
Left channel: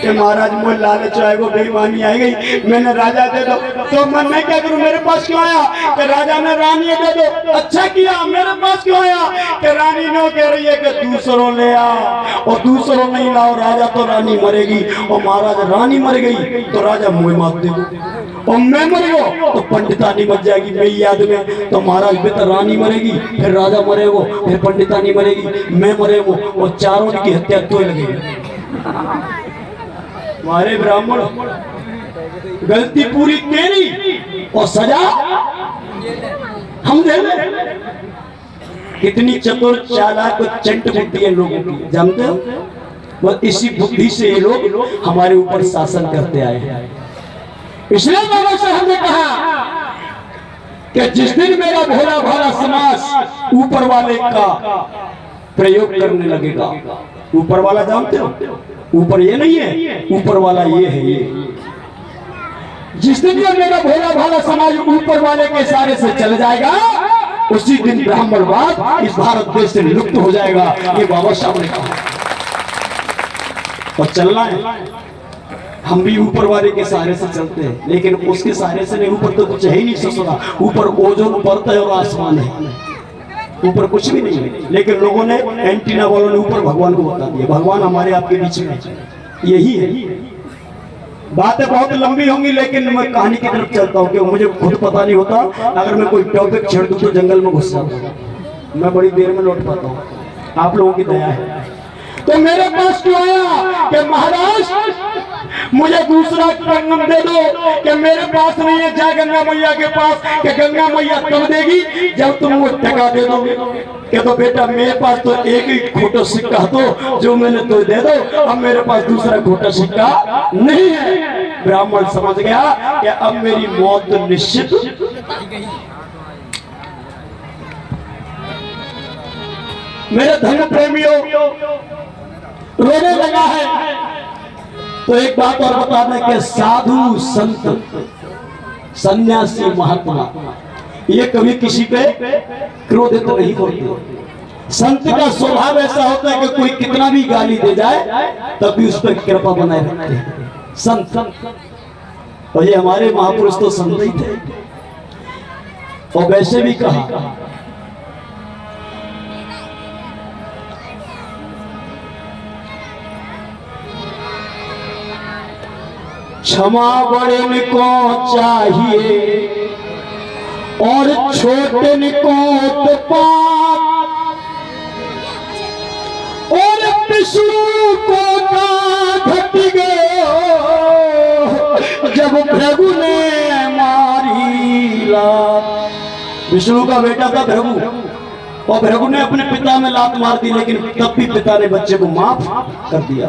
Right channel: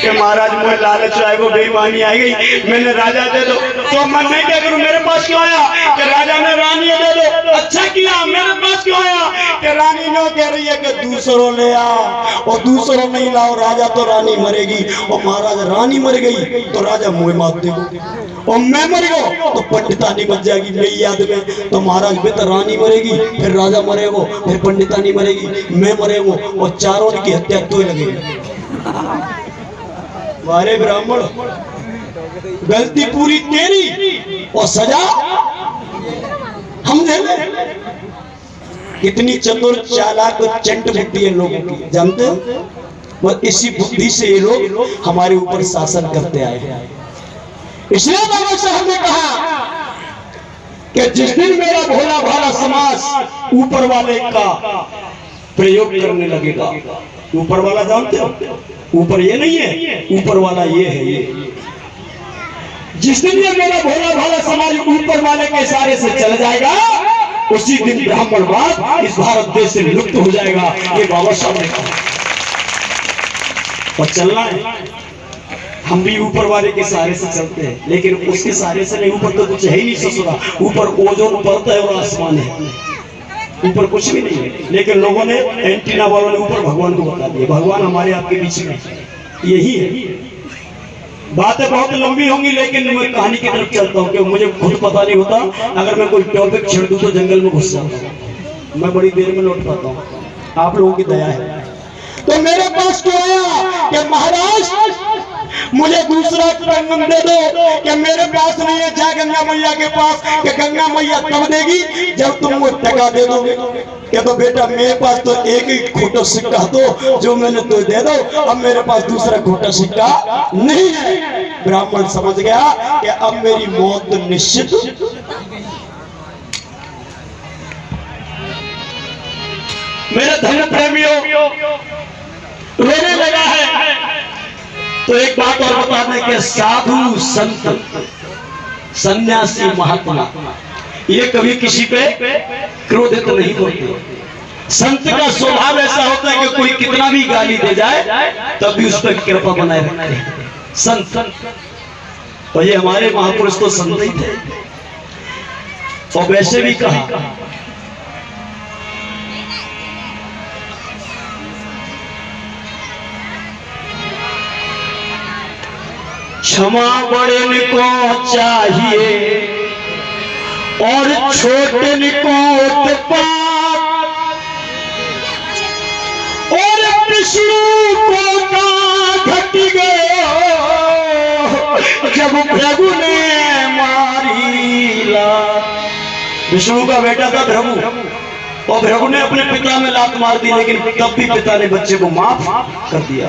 कि महाराज मुझे लालच आए, वो बेईमानी आ गई, मैंने राजा दे दो। तो मन में क्या करूं, मेरे पास क्यों आया? कि राजा ने रानी दे दो। अच्छा किया, मेरे पास क्यों आया? कि रानी ने कह रही है कि दूसरों ले आ, और दूसरों नहीं लाओ राजा तो रानी मरेगी। और महाराज रानी मर गई तो राजा मुँह मार देगा, और मैं मर गया तो पंडितानी बच जाएगी मेरी याद में। तो महाराज बेहतर रानी मरेगी, फिर राजा मरेगो, फिर पंडितानी मरेगी, मैं मरेगो, और चारों की हत्या तो ही लगेगी। मारे ब्राह्मण, गलती पूरी तेरी और सजा हम दे दे। कितनी चतुर चालाक और चंट बुद्धि है लोगों की, जानते हो? वो इसी बुद्धि से ये लोग हमारे ऊपर शासन करते आए हैं। इसलिए बाबा साहब ने कहा कि जिस दिन मेरा भोला भाला समाज ऊपर वाले का प्रयोग करने लगेगा, ऊपर वाला जानते हो? ऊपर ये नहीं है, ऊपर वाला ये है। ये जिस दिन ये मेरा भोला भाला समाज ऊपर वाले के इशारे से चल जाएगा, उसी दिन ब्राह्मणवाद इस भारत देश से लुप्त हो जाएगा, ये बाबा साहब ने कहा। और चलना है, हम भी ऊपर वाले के सहारे से चलते हैं, लेकिन उसके सहारे से नहीं, ऊपर तो कुछ है ही नहीं ससुरा, ऊपर ओजोन परत है और आसमान है, ऊपर कुछ भी नहीं है। लेकिन लोगों ने, एंटीना वालों ने ऊपर भगवान को बता दिया, भगवान हमारे आपके बीच में यही है। बातें बहुत लंबी होंगी, लेकिन मैं कहानी की तरफ चलता हूँ, क्योंकि मुझे खुद पता नहीं होता, अगर मैं कोई टॉपिक छेड़ दूँ तो जंगल में घुस जाता हूँ, मैं बड़ी देर में लौट पाता हूँ, आप लोगों की दया है। तो मेरे पास क्यों आया कि महाराज मुझे दूसरा कंगन दे दो, कि मेरे पास नहीं है, जाए गंगा मैया के पास, कि गंगा मैया तब देगी जब तुम वो टका दे दोगे। कि तो बेटा मेरे पास तो एक ही खोटा सिक्का तो जो मैंने तो दे दो, अब मेरे पास दूसरा खोटा सिक्का नहीं है। ब्राह्मण समझ गया कि अब मेरी मौत तो निश्चित। मेरे धर्म प्रेमियों रोने लगा है, तो एक बात और बता दें कि साधु संत सन्यासी महात्मा ये कभी किसी पे क्रोधित नहीं होते। संत का स्वभाव ऐसा होता है कि कोई कितना भी गाली दे जाए तब भी उस पर कृपा बनाए रखते हैं संत। और ये हमारे महापुरुष तो संत ही थे। और वैसे भी कहा, क्षमा बड़े को चाहिए और छोटे को पाप, और विष्णु को का घट गयो जब भृगु ने मारी लात। विष्णु का बेटा था भृगु, और भृगु ने अपने पिता में लात मार दी, लेकिन तब भी पिता ने बच्चे को माफ कर दिया।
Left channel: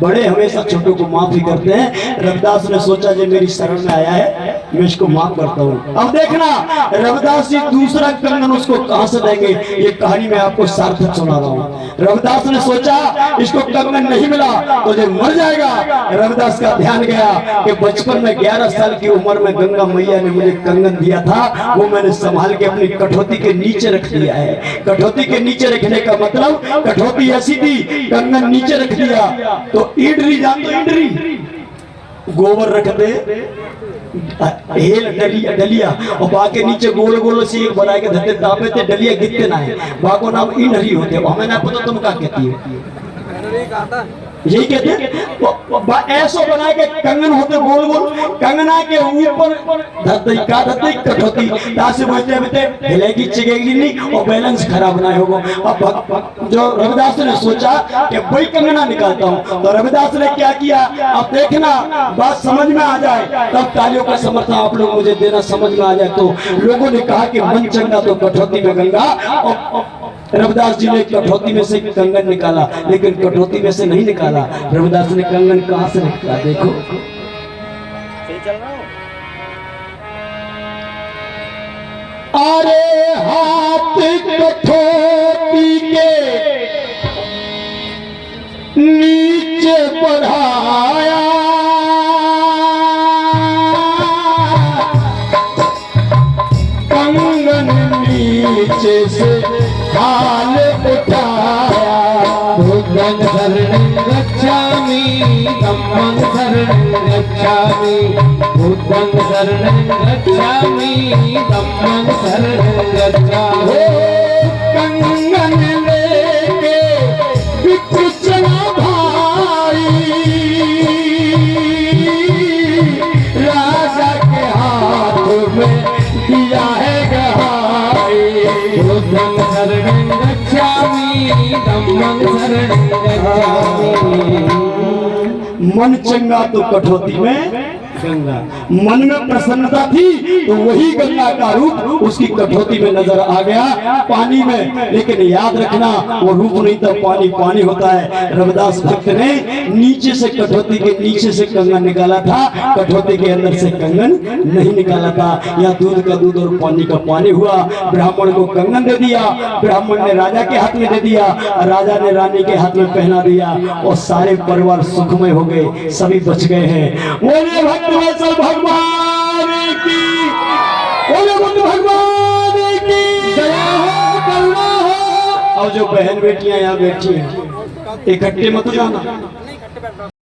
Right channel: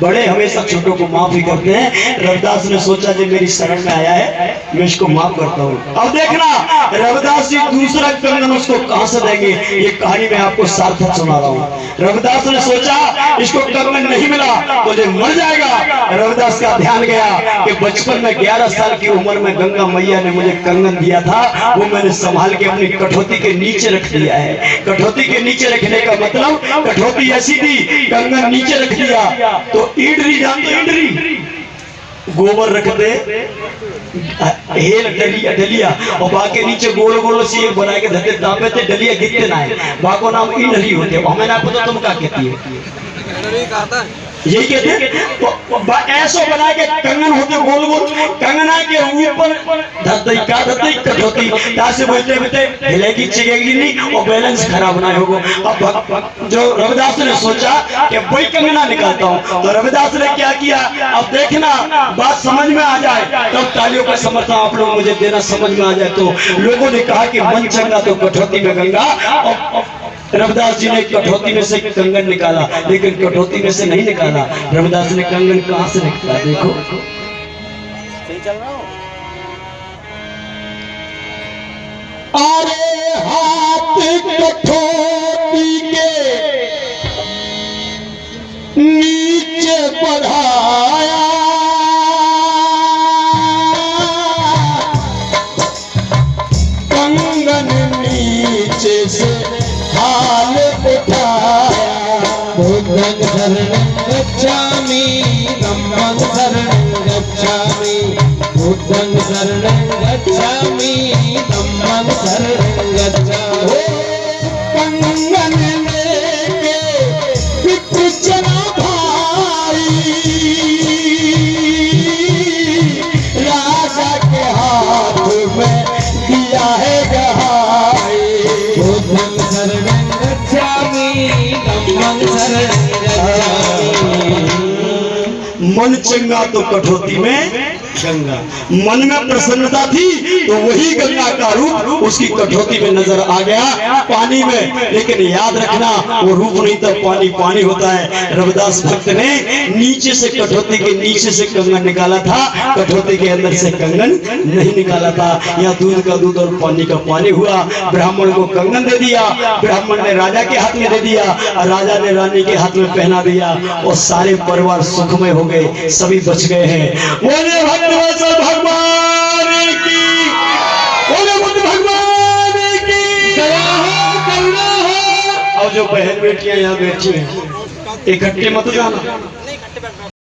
बड़े हमेशा छोटों को माफ ही करते हैं। रविदास ने सोचा जो मेरी शरण में आया है मैं इसको माफ करता हूँ। अब देखना रविदास जी दूसरा कंगन उसको कहां से देंगे, ये कहानी मैं आपको सार्थक सुना रहा हूँ। रविदास ने सोचा इसको कंगन नहीं मिला तो ये मर जाएगा। रविदास का ध्यान गया कि बचपन में 11 साल की उम्र में गंगा मैया ने मुझे कंगन दिया था, वो मैंने संभाल के अपनी कठौती के नीचे रख दिया है। कठौती के नीचे रखने का मतलब कठौती ऐसी थी, कंगन नीचे रख दिया तो ईडरी जानते, ईडरी गोबर रखते हेल डलिया डलिया और बाकी नीचे गोल गोल से बना के धरते तापे थे, डलिया गिरते ना है, बाको नाम ईडरी होते। हमें ना पता तुम क्या कहती है, यही कहते तो ऐसो बना के कंगन होते गोल गोल, कंगना के ऊपर धरते का धरते कठौती यहाँ से बैठे बैठे हिलेगी चिगेगी नहीं और बैलेंस खराब ना होगा। अब जो रविदास ने सोचा कि वही कंगना निकालता हूँ, तो रविदास ने क्या किया, अब देखना बात समझ में आ जाए तब तालियों का समर्थन आप लोग मुझे देना, समझ में आ जाए तो। लोगों ने कहा कि मन चंगा तो कठौती में गंगा। और रविदास जी ने कठौती में से कंगन निकाला, लेकिन कठौती में से नहीं निकाला। रविदास ने कंगन कहां से निकाला, देखो अरे हाथ कठौती के नीचे बढ़ाया, कंगन नीचे से हाल उठाया। बुद्धं शरणं गच्छामि, धम्मं शरणं गच्छामि, बुद्धं शरणं गच्छामि, धम्मं शरणं गच्छामि। कंगन लेके बिक चला भाई, राजा के हाथ में दिया है गहाई। बुद्धं शरणं गच्छामि, धम्मं शरणं गच्छामि। मन चंगा तो कठौती में गंगा। मन में प्रसन्नता थी तो वही गंगा का रूप उसकी कठौती में नजर आ गया पानी में। लेकिन याद रखना वो रूप नहीं था, पानी पानी होता है। रविदास भक्त ने नीचे से कठौती के नीचे से कंगन निकाला था, कठौती के अंदर से कंगन नहीं निकाला था। या दूध का दूध और पानी का पानी हुआ। ब्राह्मण को कंगन दे दिया, ब्राह्मण ने राजा के हाथ में दे दिया, राजा ने रानी के हाथ में पहना दिया और सारे परिवार सुखमय हो गए, सभी बच गए हैं। बोले भगवान की, बोले बुद्ध भगवान की। जो बहन बेटियां यहाँ बैठी हैं इकट्ठे मत जाना।